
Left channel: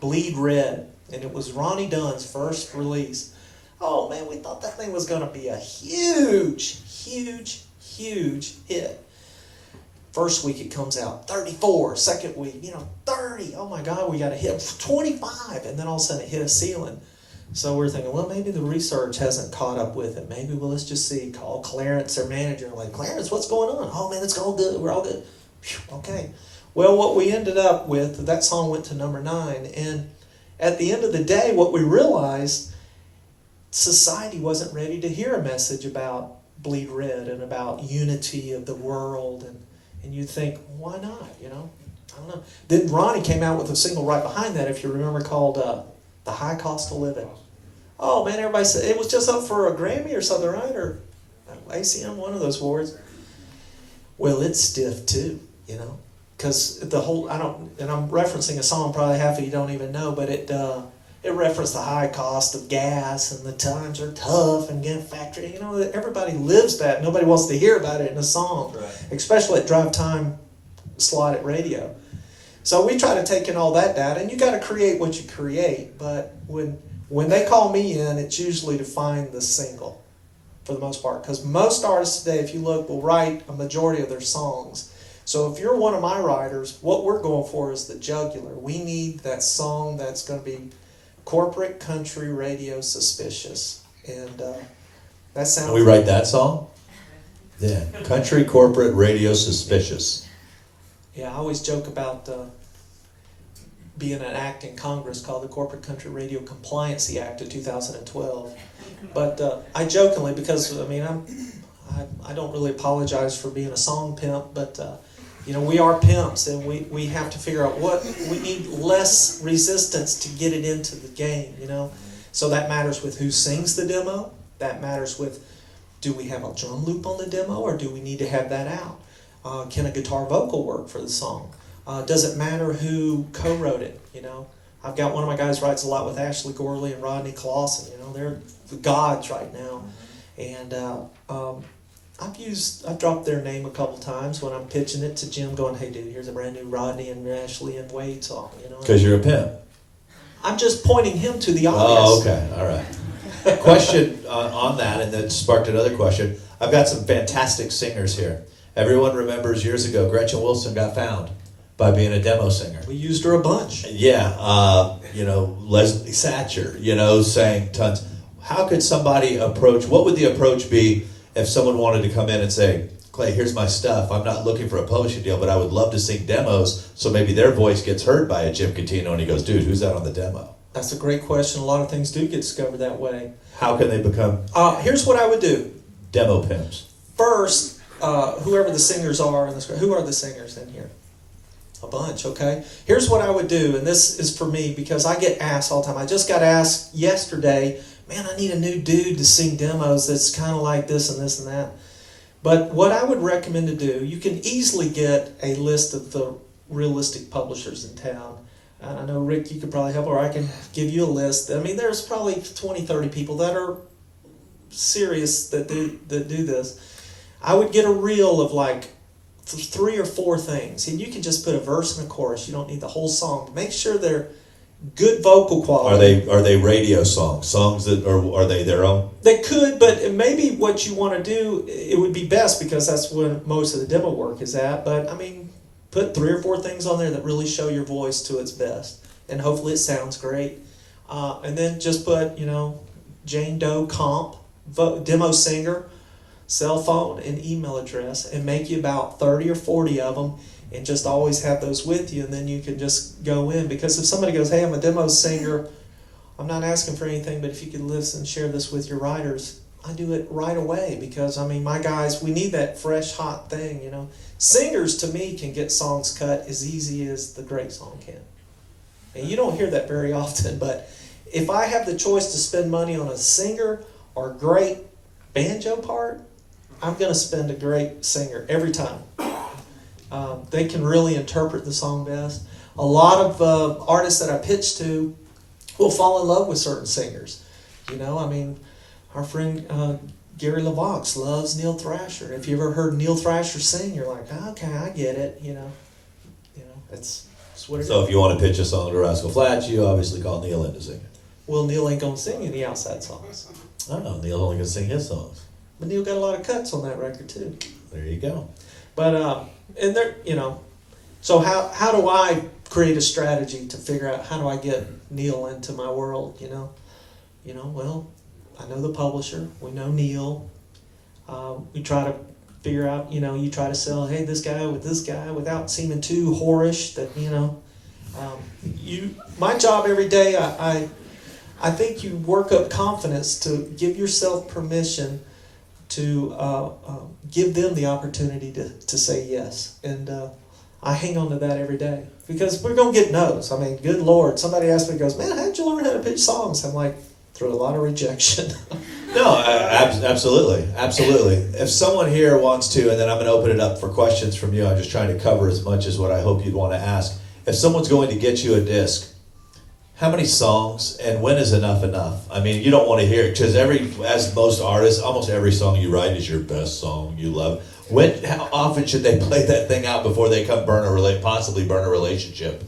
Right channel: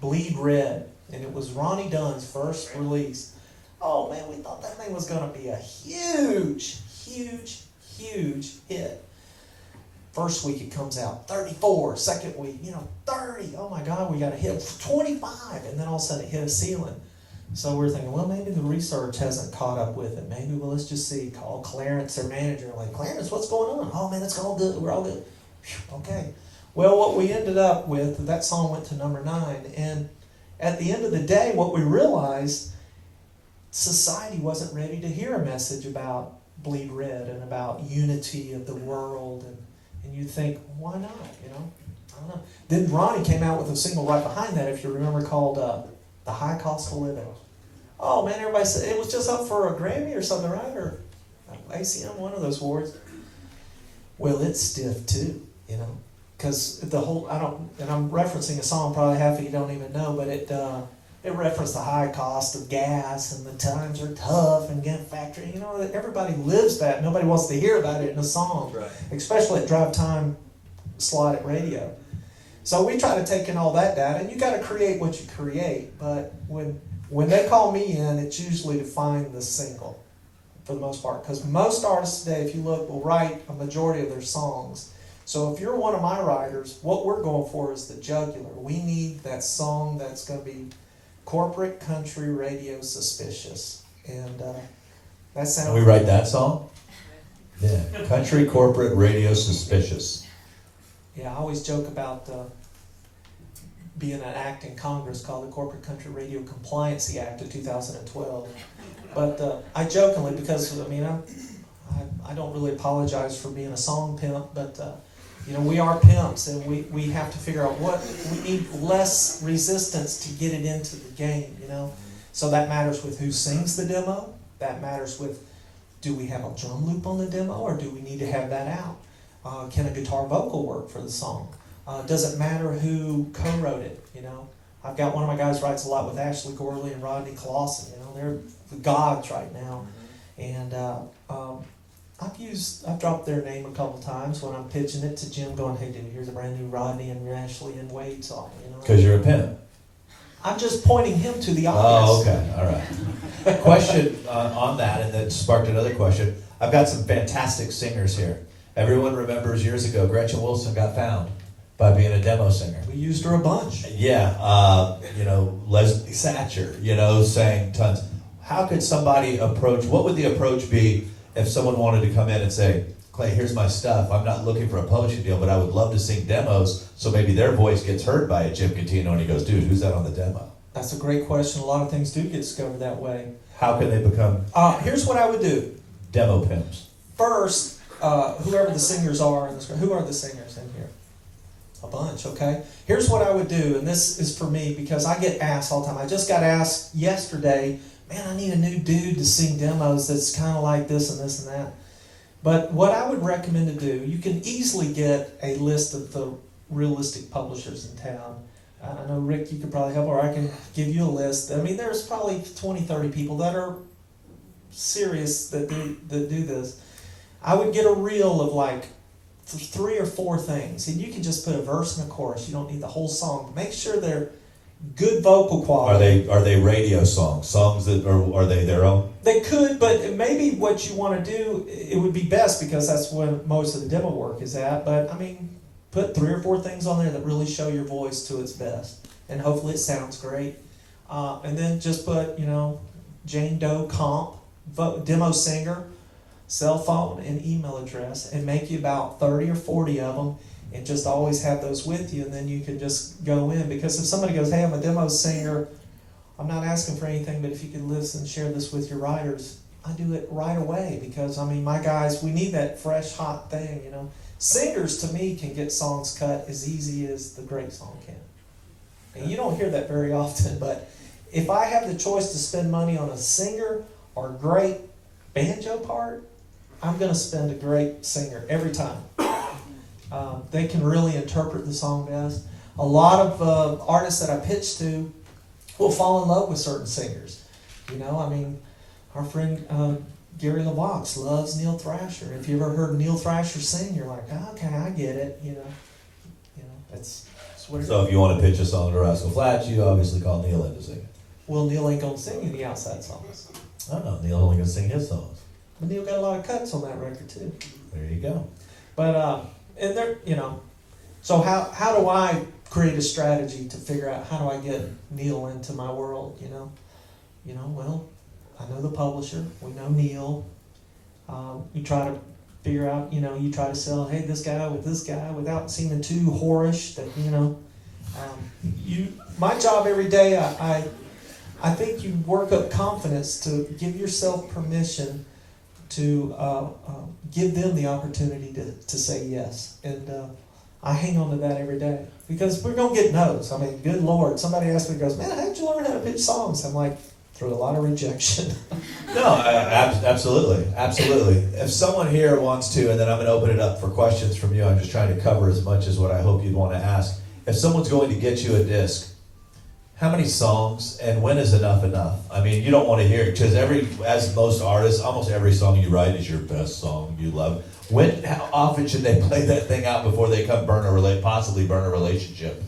Bleed Red. And it was Ronnie Dunn's first release. Oh, man, we thought that thing was going to be a huge, huge, huge hit. First week it comes out, 34. Second week, 30. Oh, my God, we got a hit. 25. And then all of a sudden it hit a ceiling. So we're thinking, well, maybe the research hasn't caught up with it. Maybe let's just see. Call Clarence, their manager. Like, Clarence, what's going on? Oh, man, it's all good. We're all good. Whew, okay. Well, what we ended up with, that song went to number 9. And at the end of the day, what we realized, society wasn't ready to hear a message about Bleed Red and about unity of the world. And you think, why not? I don't know. Then Ronnie came out with a single right behind that, if you remember, called The High Cost of Living. Oh, man, everybody said it was just up for a Grammy or something, right? Or ACM, one of those awards. Well, it's stiff too, because the whole, and I'm referencing a song probably half of you don't even know, but it referenced the high cost of gas and the times are tough and get factory. Everybody lives that. Nobody wants to hear about it in a song, Right. Especially at drive time slot at radio. So we try to take in all that data, and you got to create what you create. But when they call me in, it's usually to find the single, for the most part, because most artists today, if you look, will write a majority of their songs. So if you're one of my writers, what we're going for is the jugular. We need that song that's going to be corporate country radio suspicious, and that sounds. Can we write that song? Yeah, country corporate radio suspicious. Yeah, I always joke about being an act in Congress called the Corporate Country Radio Compliancy Act of 2012. But I jokingly, because I don't really apologize for being a song pimp, but we are pimps, and we have to figure out what we need less resistance to get it into the game. So that matters with who sings the demo. That matters with, do we have a drum loop on the demo, or do we need to have that out? Can a guitar vocal work for the song? Does it matter who co-wrote it? I've got one of my guys writes a lot with Ashley Gorley and Rodney Clausen. They're the gods right now. And I've dropped their name a couple times when I'm pitching it to Jim, going, "Hey, dude, here's a brand new Rodney and Ashley and Wade song." Because you're a pimp. I'm just pointing him to the Oh, obvious. okay, all right. Question on that, and that sparked another question. I've got some fantastic singers here. Everyone remembers years ago, Gretchen Wilson got found by being a demo singer. We used her a bunch. Yeah, Leslie Satcher, saying tons. How could somebody approach, what would the approach be if someone wanted to come in and say, "Clay, here's my stuff. I'm not looking for a publishing deal, but I would love to sing demos, so maybe their voice gets heard by a Jim Catino," and he goes, "Dude, who's that on the demo?" That's a great question. A lot of things do get discovered that way. How can they become Here's what I would do. demo pimps? First, whoever the singers are in this, who are the singers in here? A bunch, okay? Here's what I would do, and this is for me because I get asked all the time. I just got asked yesterday, "Man, I need a new dude to sing demos that's kind of like this and this and that." But what I would recommend to do, you can easily get a list of the realistic publishers in town. And I know, Rick, you could probably help, or I can give you a list. There's probably 20, 30 people that are serious that do this. I would get a reel of like 3 or 4 things, and you can just put a verse and a chorus. You don't need the whole song. Make sure they're good vocal quality. Are they radio songs that are they their own? They could, but maybe what you want to do, it would be best because that's where most of the demo work is at. But put 3 or 4 things on there that really show your voice to its best, and hopefully it sounds great. And then just put Jane Doe comp, demo singer, cell phone, and email address, and make you about 30 or 40 of them, and just always have those with you, and then you can just go in. Because if somebody goes, "Hey, I'm a demo singer, I'm not asking for anything, but if you could listen, share this with your writers," I do it right away because, my guys, we need that fresh, hot thing, Singers, to me, can get songs cut as easy as the great song can. And you don't hear that very often, but if I have the choice to spend money on a singer or great banjo part, I'm going to spend a great singer every time. They can really interpret the song best. A lot of artists that I pitch to will fall in love with certain singers. You know, I mean, our friend Gary LeVox loves Neil Thrasher. If you ever heard Neil Thrasher sing, you're like, okay, I get it. You know, it's what it So is. if you want to pitch a song to Rascal Flatts, you obviously call Neil in to sing it. Well, Neil ain't gonna sing any outside songs, Oh, Neil's only going to sing his songs. but Neil got a lot of cuts on that record too. There you go. But and there, so how do I create a strategy to figure out how do I get Neil into my world? Well, I know the publisher. We know Neil. We try to figure out. You try to sell. Hey, this guy with this guy without seeming too whorish. That My job every day. I think you work up confidence to give yourself permission to give them the opportunity to say yes. And I hang on to that every day because we're going to get no's. I mean, good Lord, somebody asked me, goes, man, how'd you learn how to pitch songs? I'm like, through a lot of rejection. No, absolutely. If someone here wants to, and then I'm going to open it up for questions from you, I'm just trying to cover as much as what I hope you'd want to ask. If someone's going to get you a disc, how many songs and when is enough enough? I mean, you don't want to hear it because as most artists, almost every song you write is your best song you love. How often should they play that thing out before they come possibly burn a relationship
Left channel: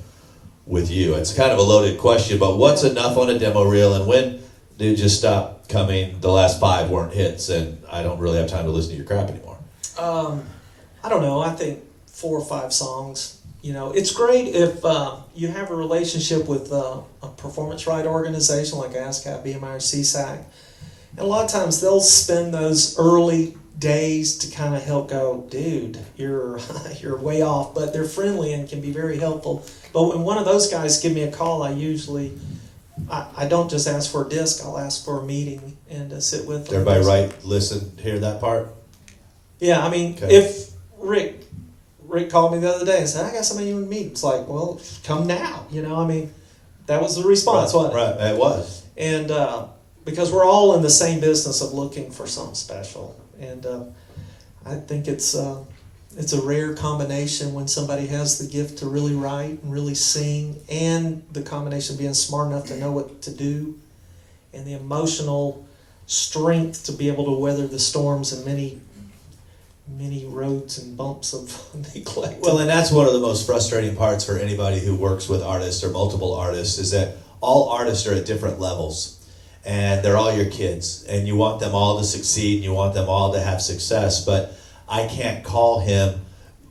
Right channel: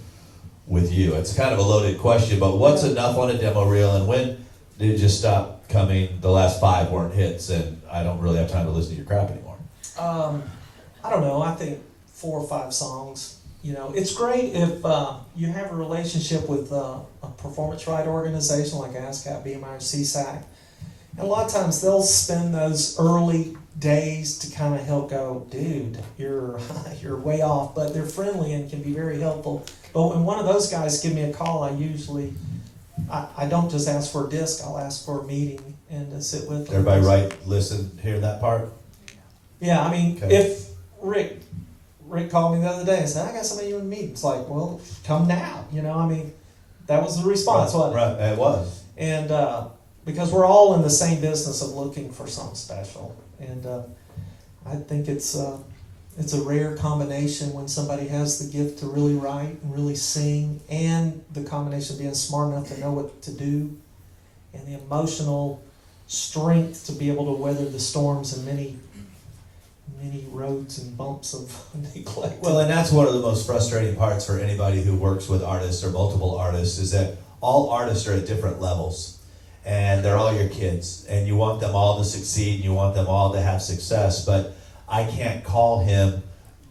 with you? It's kind of a loaded question, but what's enough on a demo reel and when do you just stop coming? The last 5 weren't hits and I don't really have time to listen to your crap anymore. I don't know. I think 4 or 5 songs. It's great if you have a relationship with a performance right organization like ASCAP, BMI, or CSAC. And a lot of times they'll spend those early days to kind of help go, dude, you're way off. But they're friendly and can be very helpful. But when one of those guys give me a call, I don't just ask for a disc. I'll ask for a meeting and sit with them. Everybody listen, hear that part? Yeah, I mean, Okay. if Rick called me the other day and said, I got somebody you want to meet. It's like, well, come now. That was the response, wasn't it? Right, it was. And because we're all in the same business of looking for something special. And I think it's a rare combination when somebody has the gift to really write and really sing, and the combination of being smart enough to know what to do, and the emotional strength to be able to weather the storms and many roads and bumps of neglect. Well, and that's one of the most frustrating parts for anybody who works with artists or multiple artists is that all artists are at different levels and they're all your kids and you want them all to succeed and you want them all to have success, but I can't call him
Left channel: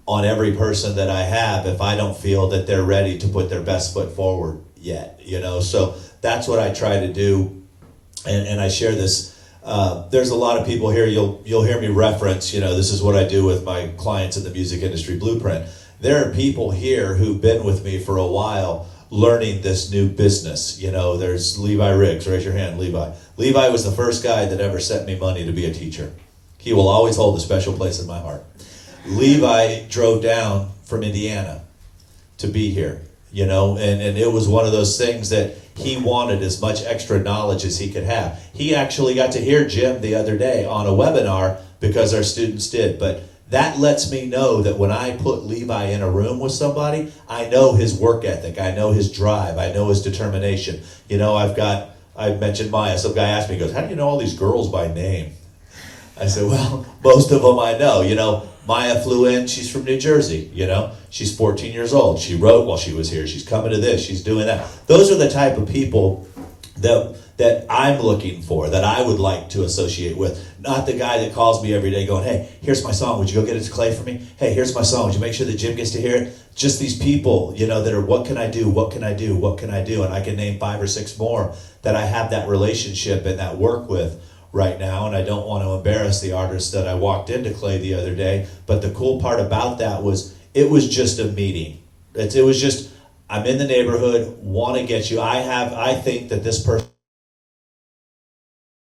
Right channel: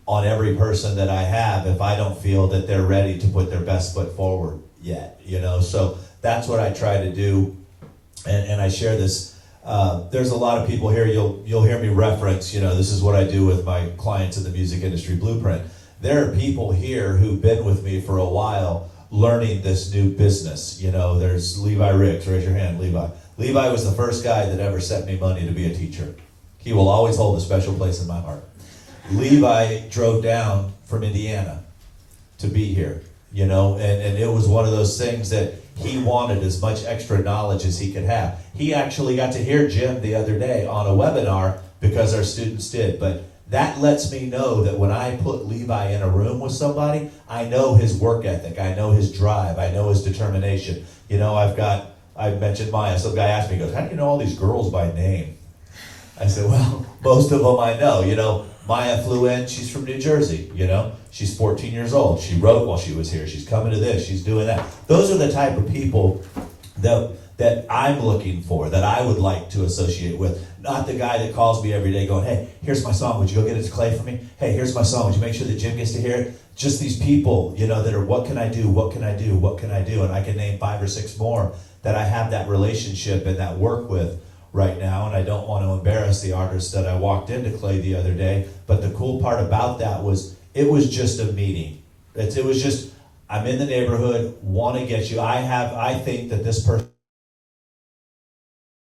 on every person that I have if I don't feel that they're ready to put their best foot forward yet, so that's what I try to do, and I share this. There's a lot of people here, you'll hear me reference, this is what I do with my clients in the music industry blueprint. There are people here who've been with me for a while learning this new business. There's Levi Riggs, raise your hand, Levi. Levi was the first guy that ever sent me money to be a teacher. He will always hold a special place in my heart. Levi drove down from Indiana to be here, and it was one of those things that he wanted as much extra knowledge as he could have. He actually got to hear Jim the other day on a webinar because our students did. But that lets me know that when I put Levi in a room with somebody, I know his work ethic, I know his drive, I know his determination. I've mentioned Maya. Some guy asked me, he goes, how do you know all these girls by name? I said, well, most of them I know. Maya flew in, she's from New Jersey, she's 14 years old. She wrote while she was here. She's coming to this, she's doing that. Those are the type of people that I'm looking for, that I would like to associate with. Not the guy that calls me every day going, hey, here's my song, would you go get it to Clay for me? Hey, here's my song, would you make sure that Jim gets to hear it? Just these people, that are, what can I do? And I can name 5 or 6 more that I have that relationship and that work with right now, and I don't want to embarrass the artist that I walked into Clay the other day, but the cool part about that was it was just a meeting. It was just, I'm in the neighborhood, want to get you. I think that this person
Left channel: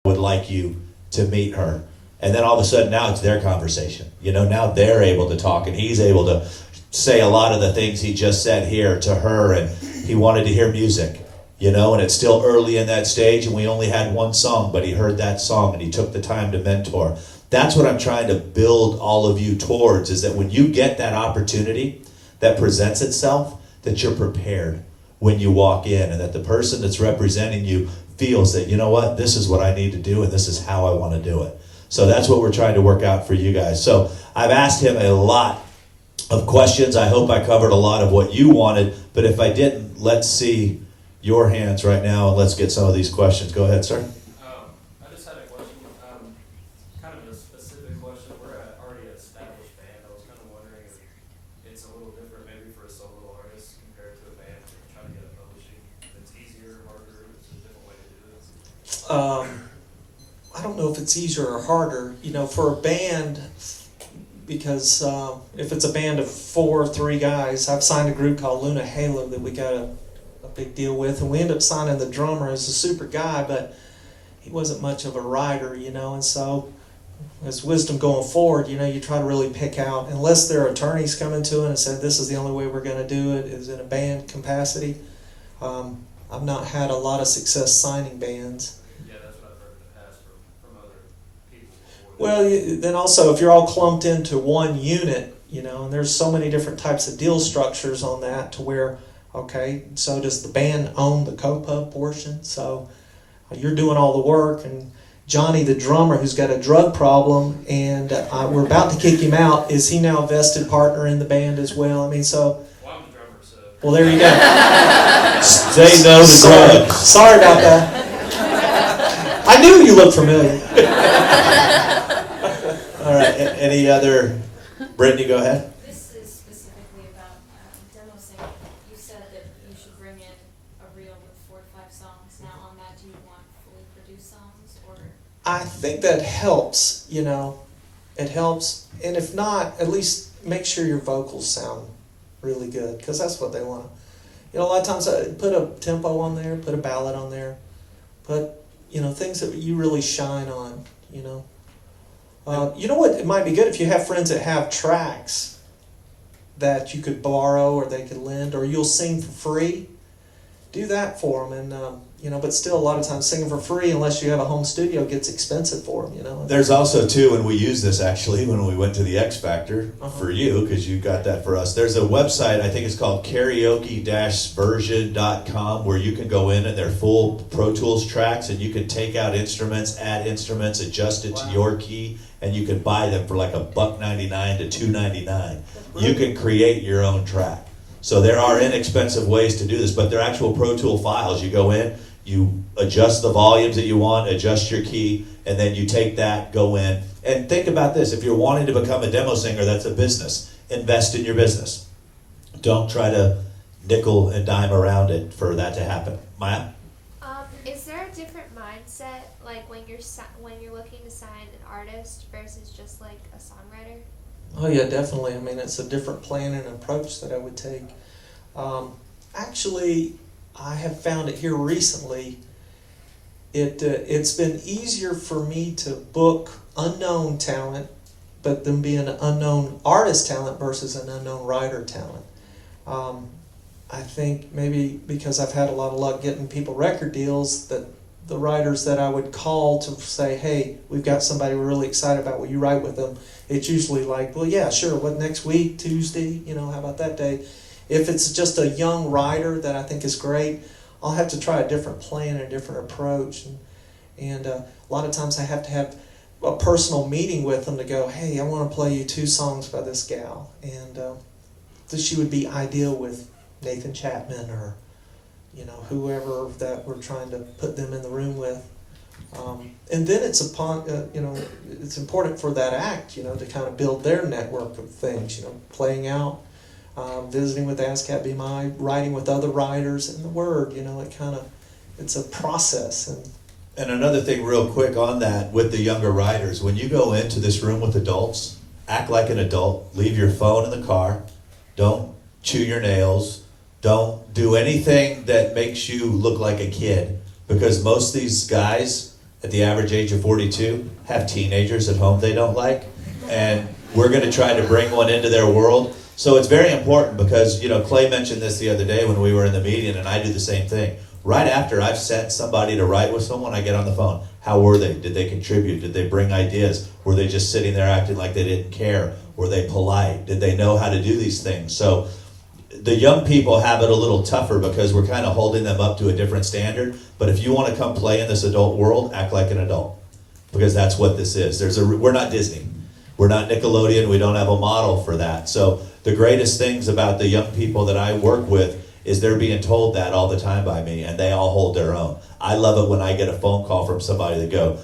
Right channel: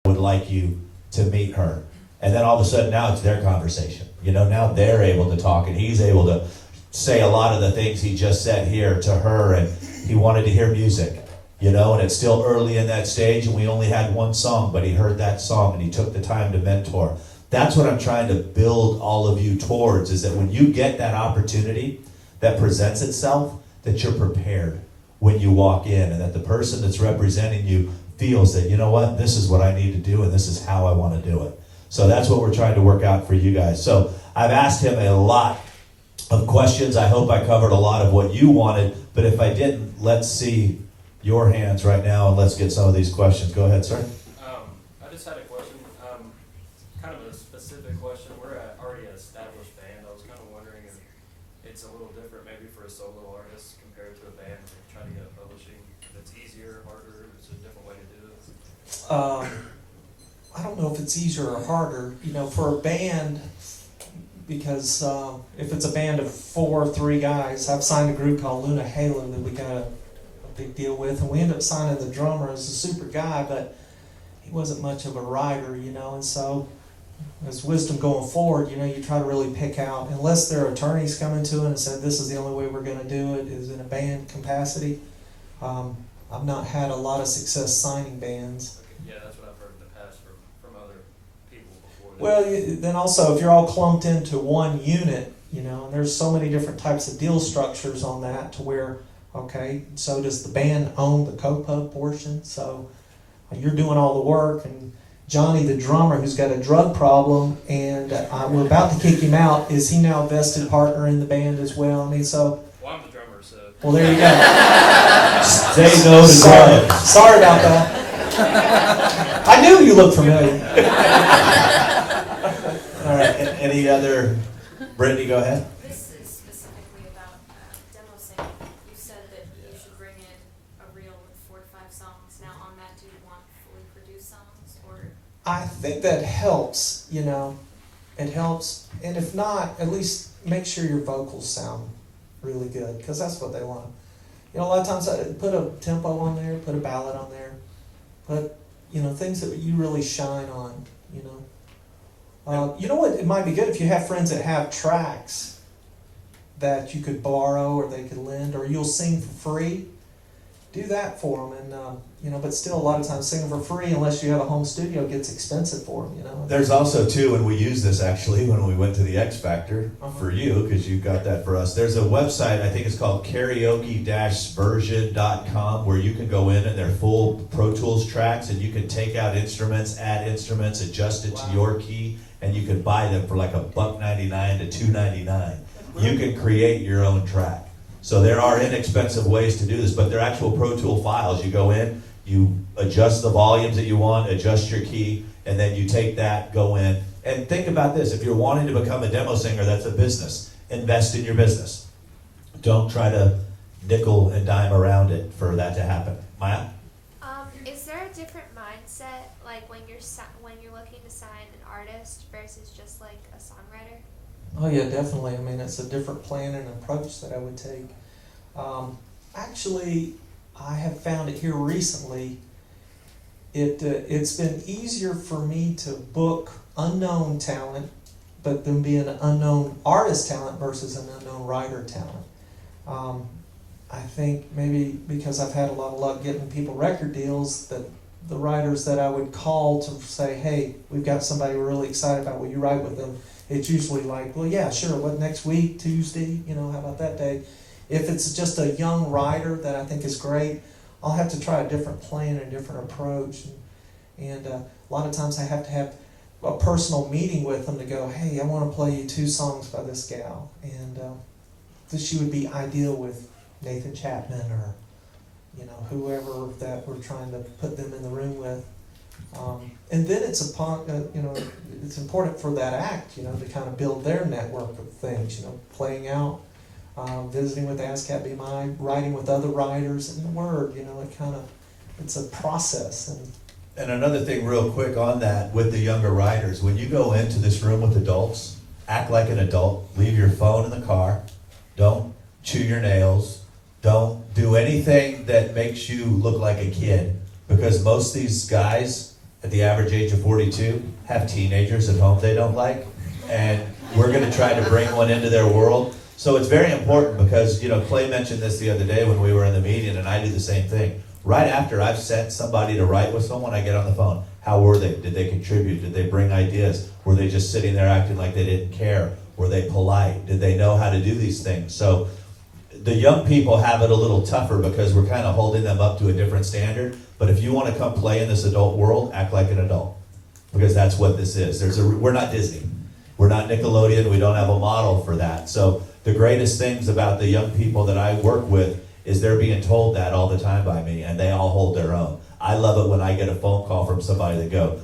would like you to meet her, And then all of a sudden now it's their conversation. You know, now they're able to talk, and he's able to say a lot of the things he just said here to her, and he wanted to hear music, you know, and it's still early in that stage, and we only had one song, but he heard that song and he took the time to mentor. That's what I'm trying to build all of you towards, is that when you get that opportunity that presents itself, that you're prepared when you walk in, and that the person that's representing you feels that, you know what, this is what I need to do, and this is how I want to do it. So that's what we're trying to work out for you guys. So I've asked him a lot of questions. I hope I covered a lot of what you wanted, but if I didn't, let's see your hands right now and let's get some of these questions. Go ahead, sir. I just had a question, kind of a specific question. We're an already established band. I was kind of wondering if it's a little different maybe for a solo artist compared to a band trying to get publishing. If it's easier, harder, it's a different way to do it. I don't know if it's easier or harder, you know, for a band, because if it's a band of 4 or 3 guys, I've signed a group called Luna Halo that we got a big deal with, and we ended up signing the drummer as a super guy, but he wasn't much of a writer, you know, and so as wisdom going forward, you know, you try to really pick out, unless their attorneys come into it and say this is the only way we're going to do it, is in a band capacity. I've not had a lot of success signing bands. Yeah, that's what I've heard in the past from other people before. Well, then also, if you're all clumped into one unit, you know, and there's so many different types of deal structures on that, to where, okay, so does the band own the co-pub portion? So you're doing all the work, and Johnny, the drummer, who's got a drug problem, and we're about to kick him out, is he now a vested partner in the band as well? I mean, so... Well, I'm the drummer, so... Well, there you go. Say no to drugs. Sorry about that. I knew you looked familiar. All right, any other? Brittany, go ahead. This is specifically about demo singing. You said that you should bring in a reel with 4 to 5 songs. Now on that, do you want fully produced songs, or? I think that helps, you know. It helps. And if not, at least make sure your vocals sound really good, because that's what they want. You know, a lot of times I put a tempo on there, put a ballad on there, put, you know, things that you really shine on, you know. You know what, it might be good if you have friends that have tracks that you could borrow or they could lend, or you'll sing for free. Do that for them, and you know. But still, a lot of times singing for free, unless you have a home studio, gets expensive for them. You know. There's also too, and we use this actually when we went to the X Factor for you, because you got that for us. There's a website, I think it's called karaoke-version.com, where you can go in and they're full Pro Tools tracks, and you can take out instruments, add instruments, adjust it to your key, and you can buy them for like $1.99 to $2.99. You can create your own track. So there are inexpensive ways to do this, but they're actual Pro Tool files. You go in, you adjust the volumes that you want, adjust your key, and then you take that, go in. And think about this. If you're wanting to become a demo singer, that's a business. Invest in your business. Don't try to nickel and dime around it for that to happen. Maya? Is there a different mindset, like when you're looking to sign an artist versus just like a songwriter? Oh yeah, definitely. I mean, it's a different plan and approach that I would take. Actually, I have found it here recently. It's been easier for me to book unknown talent, but them being an unknown artist talent versus an unknown writer talent. I think maybe because I've had a lot of luck getting people record deals, that the writers that I would call to say, hey, we've got somebody we're really excited about, will you write with them? It's usually like, well, yeah, sure, what, next week, Tuesday, you know, how about that day? If it's just a young writer that I think is great, I'll have to try a different plan and a different approach. And a lot of times I have to have a personal meeting with them to go, hey, I want to play you 2 songs by this gal. And she would be ideal with Nathan Chapman or, you know, whoever that we're trying to put them in the room with. And then it's it's important for that act, you know, to kind of build their network of things, you know, playing out, visiting with ASCAP BMI, writing with other writers, and the word, you know, it's a process. And another thing real quick on that with the younger writers, when you go into this room with adults, act like an adult, leave your phone in the car, don't chew your nails, don't do anything that makes you look like a kid, because most of these guys at the average age of 42 have teenagers at home they don't like, and we're going to try to bring one into their world. So it's very important because, you know, Clay mentioned this the other day when we were in the meeting, and I do the same thing. Right after I've sent somebody to write with someone, I get on the phone. How were they? Did they contribute? Did they bring ideas? Were they just sitting there acting like they didn't care? Were they polite? Did they know how to do these things? So the young people have it a little tougher because we're kind of holding them up to a different standard. But if you want to come play in this adult world, act like an adult, because that's what this is. We're not Disney. We're not Nickelodeon. We don't have a model for that. So the greatest things about the young people that I work with is they're being told that all the time by me, and they all hold their own. I love it when I get a phone call from somebody that go,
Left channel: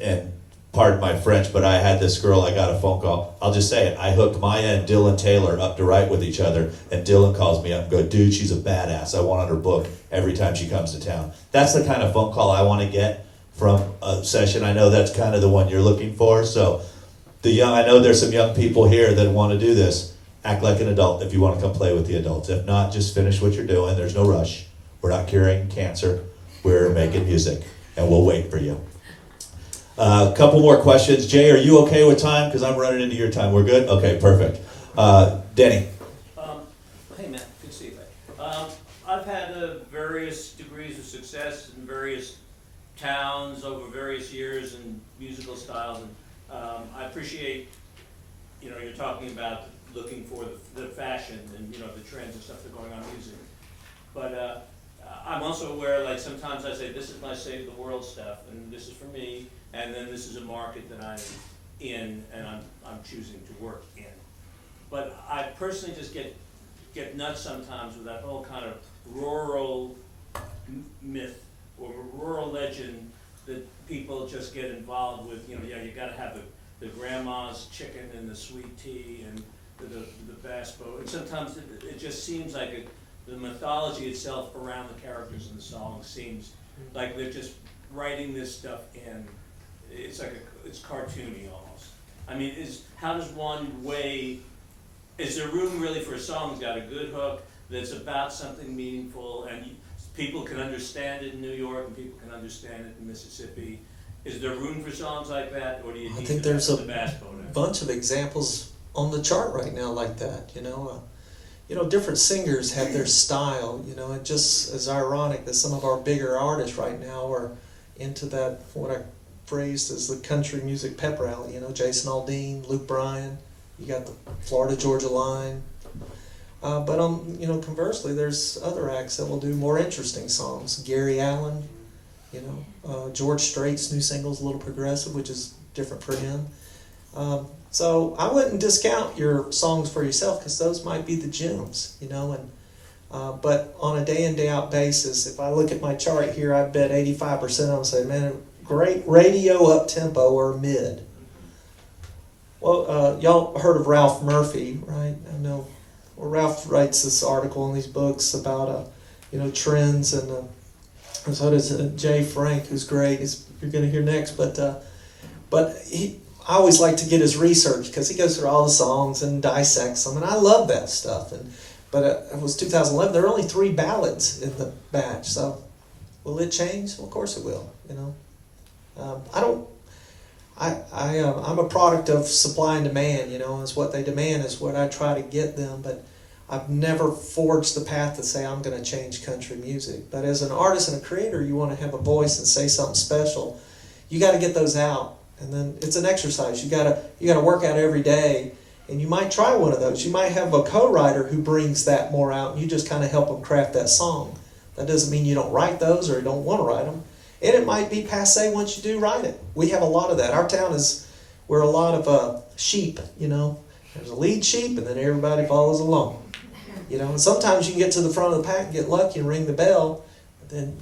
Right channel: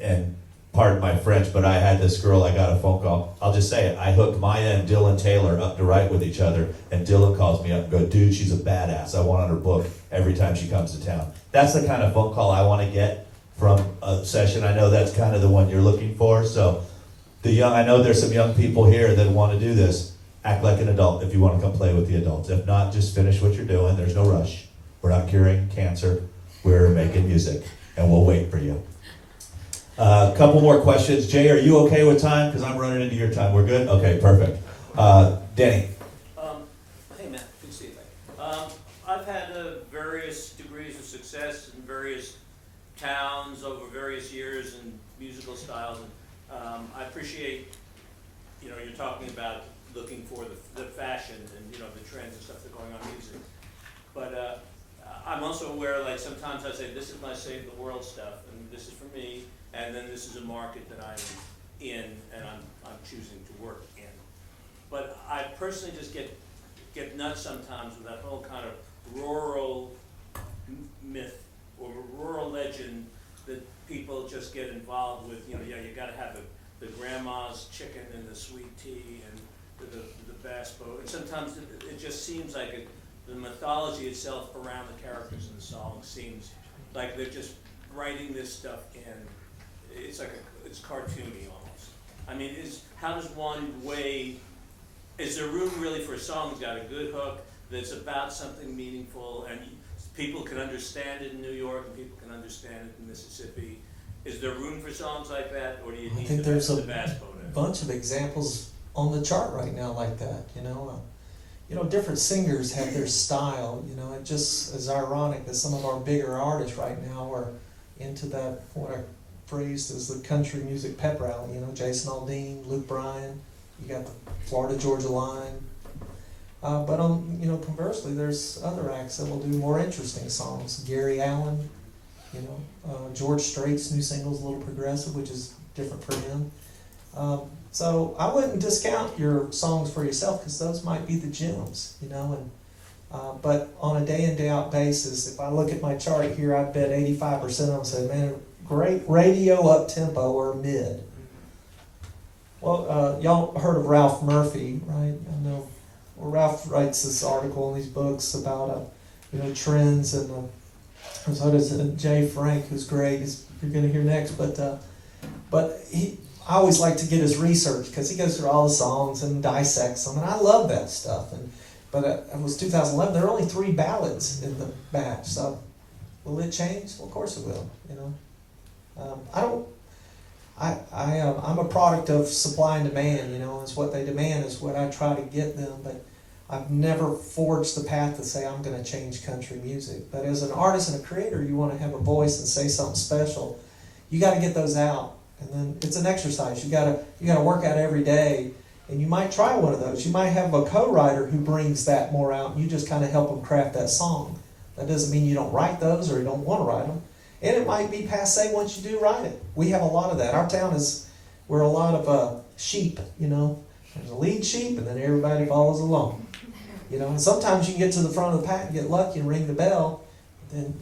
and pardon my French, but I had this girl, I got a phone call. I'll just say it. I hooked Maya and Dylan Taylor up to write with each other, and Dylan calls me up and goes, dude, she's a badass. I want on her book every time she comes to town. That's the kind of phone call I want to get from a session. I know that's kind of the one you're looking for. So I know there's some young people here that want to do this. Act like an adult if you want to come play with the adults. If not, just finish what you're doing. There's no rush. We're not curing cancer. We're making music, and we'll wait for you. A couple more questions. Jay, are you okay with time? Because I'm running into your time. We're good? Okay, perfect. Danny. Hey, man. Good to see you. I've had various degrees of success in various towns over various years in musical styles. I appreciate, you know, you're talking about looking for the fashion and, you know, the trends and stuff that are going on in music. But I'm also aware, like, sometimes I say, this is my save the world stuff, and this is for me, and then this is a market that I'm in, and I'm choosing to work in. But I personally just get nuts sometimes with that whole kind of rural myth or rural legend that people just get involved with. You know, you got to have the grandma's chicken and the sweet tea and the bass boat. And sometimes it just seems like the mythology itself around the characters in the song seems like they're just writing this stuff in. It's like it's cartoony almost. I mean, how does one weigh? Is there room really for a song that's got a good hook that's about something meaningful and people can understand it in New York and people can understand it in Mississippi? Is there room for songs like that, or do you I think there's a bass boat? bunch of examples on the chart right now like that. You know, different singers have their style. You know, it just is ironic that some of our bigger artists right now are into that, what I phrased as the country music pep rally. You know, Jason Aldean, Luke Bryan. You got the Florida Georgia line. But conversely, there's other acts that will do more interesting songs. Gary Allen, George Strait's new single's a little progressive, which is different for him. So I wouldn't discount your songs for yourself because those might be the gems, but on a day in, day out basis, if I look at my chart here, I bet 85% of them say, man, great radio up tempo or mid. Well, y'all heard of Ralph Murphy, right? I know. Well, Ralph writes this article in these books about, trends, and so does Jay Frank, who's great, as you're going to hear next. But I always like to get his research because he goes through all the songs and dissects them, and I love that stuff. But it was 2011. There are only 3 ballads in the batch, so will it change? Well, of course it will. I'm a product of supply and demand. It's what they demand is what I try to get them. But I've never forged the path to say I'm going to change country music. But as an artist and a creator, you want to have a voice and say something special. You got to get those out, and then it's an exercise. You got to work out every day, and you might try one of those. You might have a co-writer who brings that more out, and you just kind of help them craft that song. That doesn't mean you don't write those or you don't want to write them. And it might be passé once you do write it. We have a lot of that. Our town we're a lot of sheep, There's a lead sheep and then everybody follows along. And sometimes you can get to the front of the pack and get lucky and ring the bell. But then,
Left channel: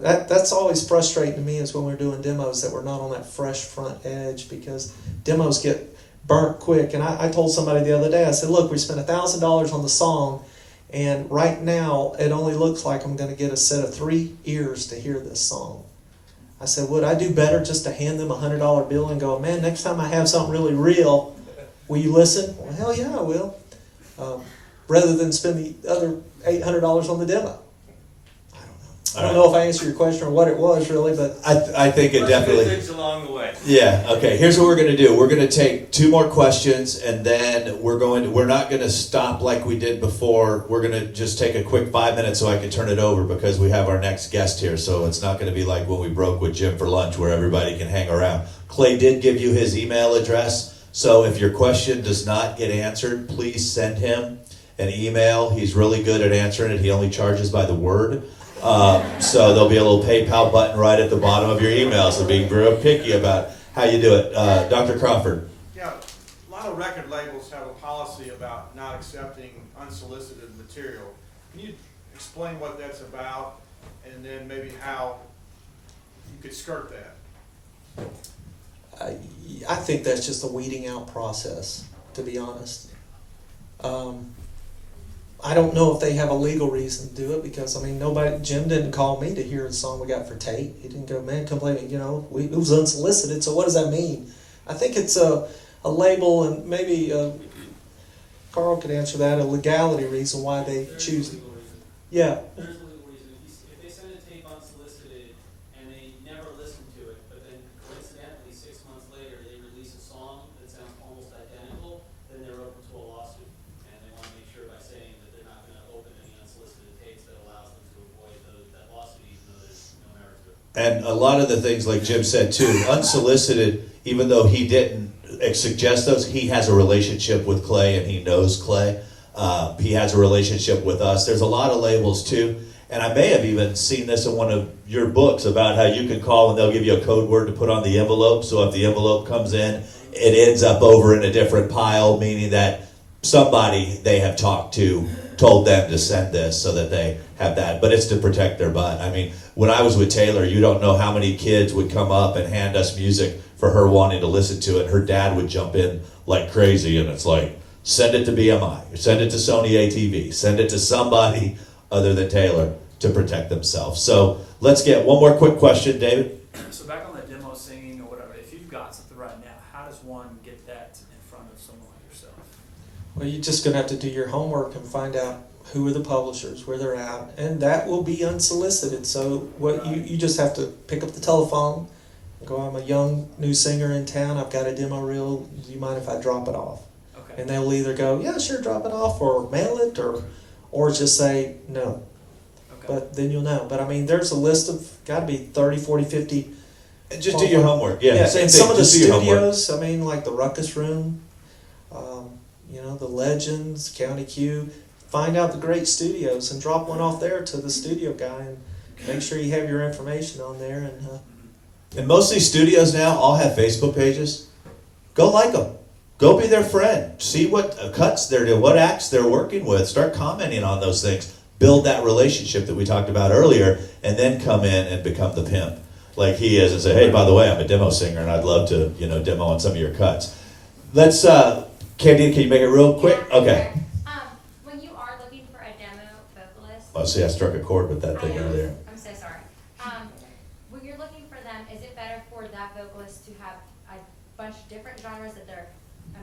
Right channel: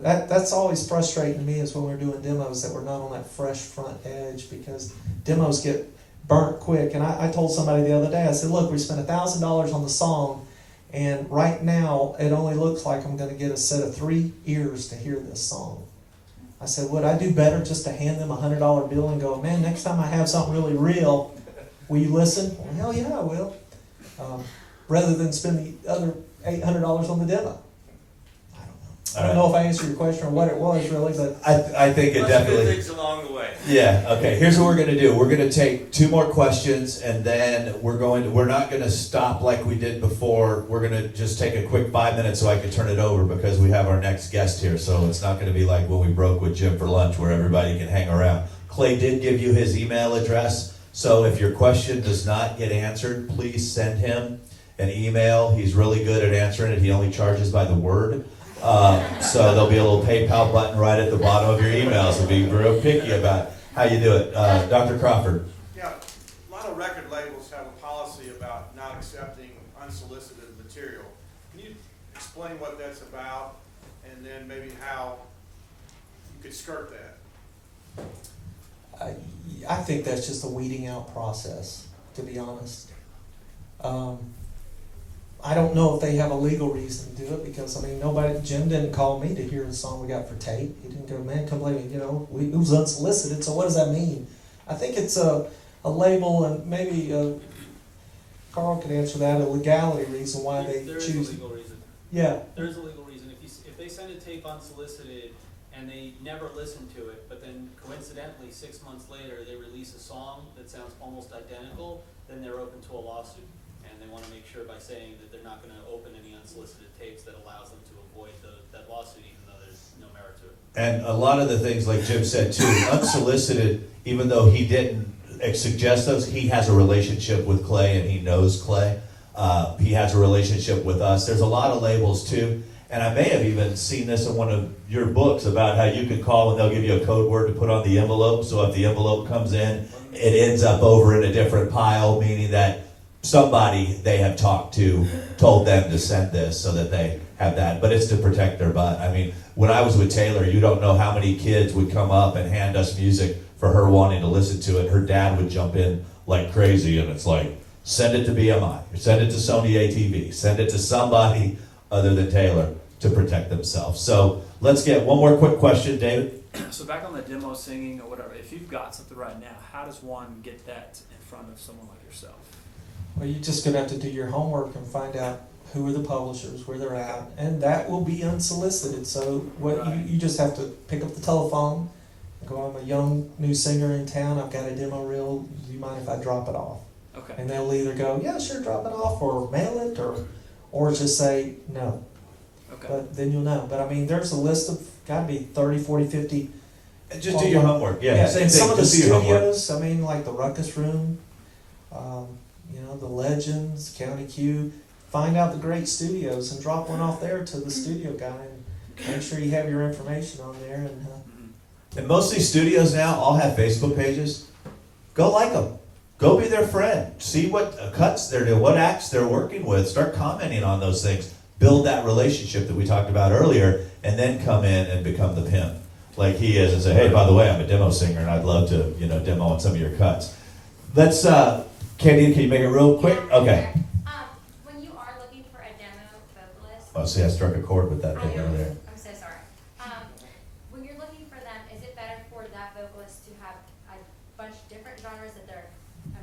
that's always frustrating to me is when we're doing demos that we're not on that fresh front edge because demos get burnt quick. And I told somebody the other day, I said, look, we spent $1,000 on the song. And right now, it only looks like I'm going to get a set of 3 ears to hear this song. I said, would I do better just to hand them a $100 bill and go, man, next time I have something really real, will you listen? Well, hell yeah, I will. Rather than spend the other $800 on the demo. I don't know. I don't know if I answered your question or what it was really, but I think it definitely. Statistics along the way. Yeah. Okay. Here's what we're gonna do. We're gonna take 2 more questions, and then we're not gonna stop like we did before. We're gonna just take a quick 5 minutes so I can turn it over because we have our next guest here. So it's not gonna be like when we broke with Jim for lunch where everybody can hang around. Clay did give you his email address, so if your question does not get answered, please send him an email. He's really good at answering it. He only charges by the word. So there'll be a little PayPal button right at the bottom of your email, so be real picky about how you do it. Dr. Crawford. Yeah, a lot of record labels have a policy about not accepting unsolicited material. Can you explain what that's about, and then maybe how you could skirt that? I think that's just a weeding out process, to be honest. I don't know if they have a legal reason to do it because, I mean, Jim didn't call me to hear the song we got for Tate. He didn't go, man, come play me, it was unsolicited, so what does that mean? I think it's a label, and maybe Carl could answer that, a legality reason why they There is choose a it. legal reason. Yeah. There is a legal reason. If they send a tape unsolicited and they never listen to it, but then coincidentally 6 months later they release a song that sounds almost identical, then they're open to a lawsuit. And they want to make sure by saying that they're not going to open any unsolicited tapes that allows them to avoid that lawsuit, even though there's no merit to it. And a lot of the things, like Jim said too, unsolicited, even though he didn't suggest those, he has a relationship with Clay and he knows Clay. He has a relationship with us. There's a lot of labels too. And I may have even seen this in one of your books about how you can call and they'll give you a code word to put on the envelope. So if the envelope comes in, it ends up over in a different pile, meaning that somebody they have talked to told them to send this so that they have that. But it's to protect their butt. I mean, when I was with Taylor, you don't know how many kids would come up and hand us music for her wanting to listen to it. Her dad would jump in like crazy, and it's like, send it to BMI, or send it to Sony ATV, send it to somebody other than Taylor to protect themselves. So let's get one more quick question, David. So back on the demo singing or whatever, if you've got something right now, how does one get that in front of someone like yourself? Well, you're just going to have to do your homework and find out who are the publishers, where they're at, and that will be unsolicited. So what you just have to pick up the telephone and go, I'm a young new singer in town, I've got a demo reel, do you mind if I drop it off? Okay. And they'll either go, yeah, sure, drop it off, or mail it, or just say no. Okay. But then you'll know. But I mean, there's a list of, got to be 30, 40, 50. And just do your homework. Yeah, same and thing. some of the Just do your homework. studios, I mean, like the Ruckus Room, the Legends, County Q. Find out the great studios and drop one off there to the studio guy, and make sure you have your information on there. And And most of these studios now all have Facebook pages. Go like them. Go be their friend. See what cuts they're doing, what acts they're working with. Start commenting on those things. Build that relationship that we talked about earlier, and then come in and become the pimp like he is and say, hey, by the way, I'm a demo singer and I'd love to, demo on some of your cuts. Let's, Candy, can you make it real quick? Okay. When you are looking for a demo vocalist, Oh, see, I struck a chord with that thing earlier. I'm so sorry. When you're looking for them, is it better for that vocalist to have a bunch of different genres that they're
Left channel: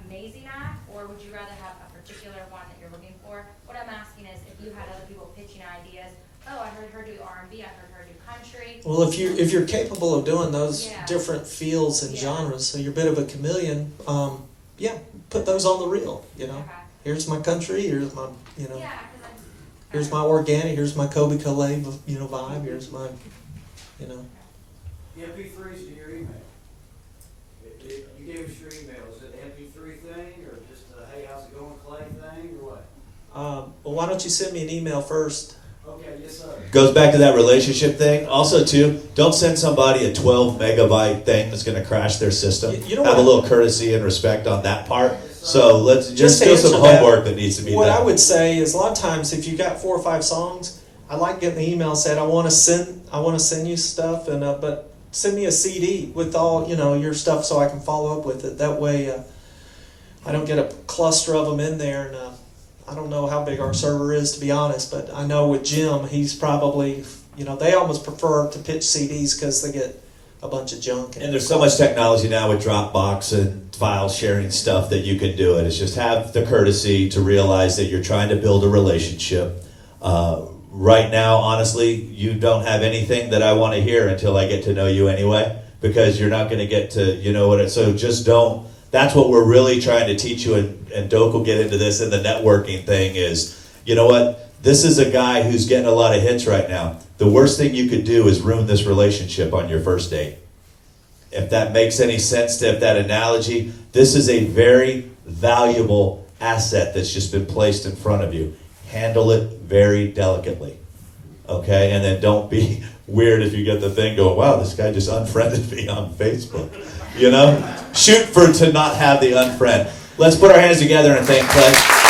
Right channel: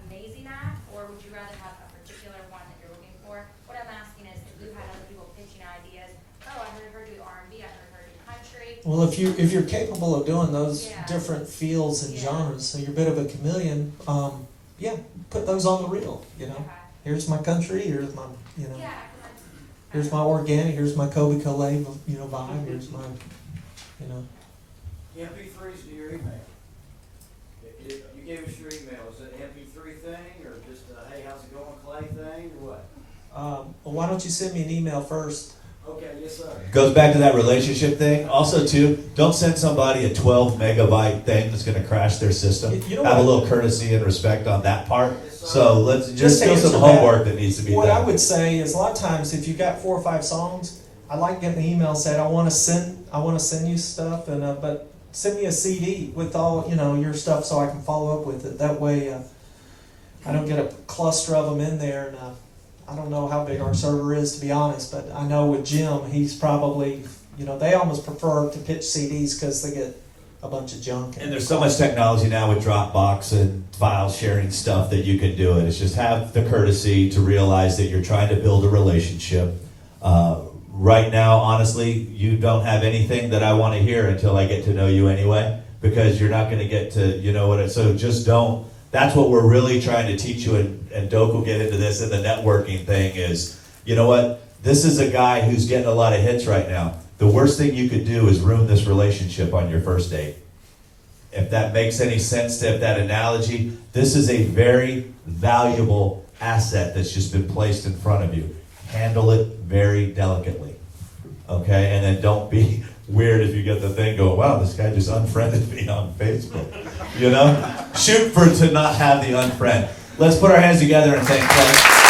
amazing at, or would you rather have a particular one that you're looking for? What I'm asking is, if you had other people pitching ideas, oh, I heard her do R&B, I heard her do country. well, if you're capable of doing those Yeah. different fields and genres, so you're a bit of a chameleon, put those on the reel. Okay. Here's my country. Here's my, Yeah, 'cause that's, here's my organic. Here's my Kobe Calais, vibe. Here's my, MP3s to your email. You gave us your email. Is it an MP3 thing or just a hey, how's it going, Clay thing or what? well, why don't you send me an email first? Okay, yes, sir. Goes back to that relationship thing. Also, too, don't send somebody a 12 megabyte thing that's going to crash their system. You know Have a what? little courtesy and respect on that part. So let's just to do some answer that, homework that needs to be What done. I would say is a lot of times if you got 4 or 5 songs, I like getting the email said I want to send you stuff, and but send me a CD with all your stuff so I can follow up with it. That way, I don't get a cluster of them in there, and I don't know how big our server is, to be honest, but I know with Jim, he's probably they almost prefer to pitch CDs because they get a bunch of junk. And there's so much technology now with Dropbox and file sharing stuff that you can do it. It's just have the courtesy to realize that you're trying to build a relationship. right now, honestly, you don't have anything that I want to hear until I get to know you anyway, because you're not going to get to, you know what, so just don't, that's what we're really trying to teach you, and Doak will get into this in the networking thing is, you know what, this is a guy who's getting a lot of hits right now. The worst thing you could do is ruin this relationship on your first date. If that makes any sense to that analogy, this is a very valuable asset that's just been placed in front of you. Handle it very delicately, okay? And then don't be weird if you get the thing going, wow, this guy just unfriended me on Facebook. You know? Shoot for to not have the unfriend. Let's put our hands together and thank Pledge.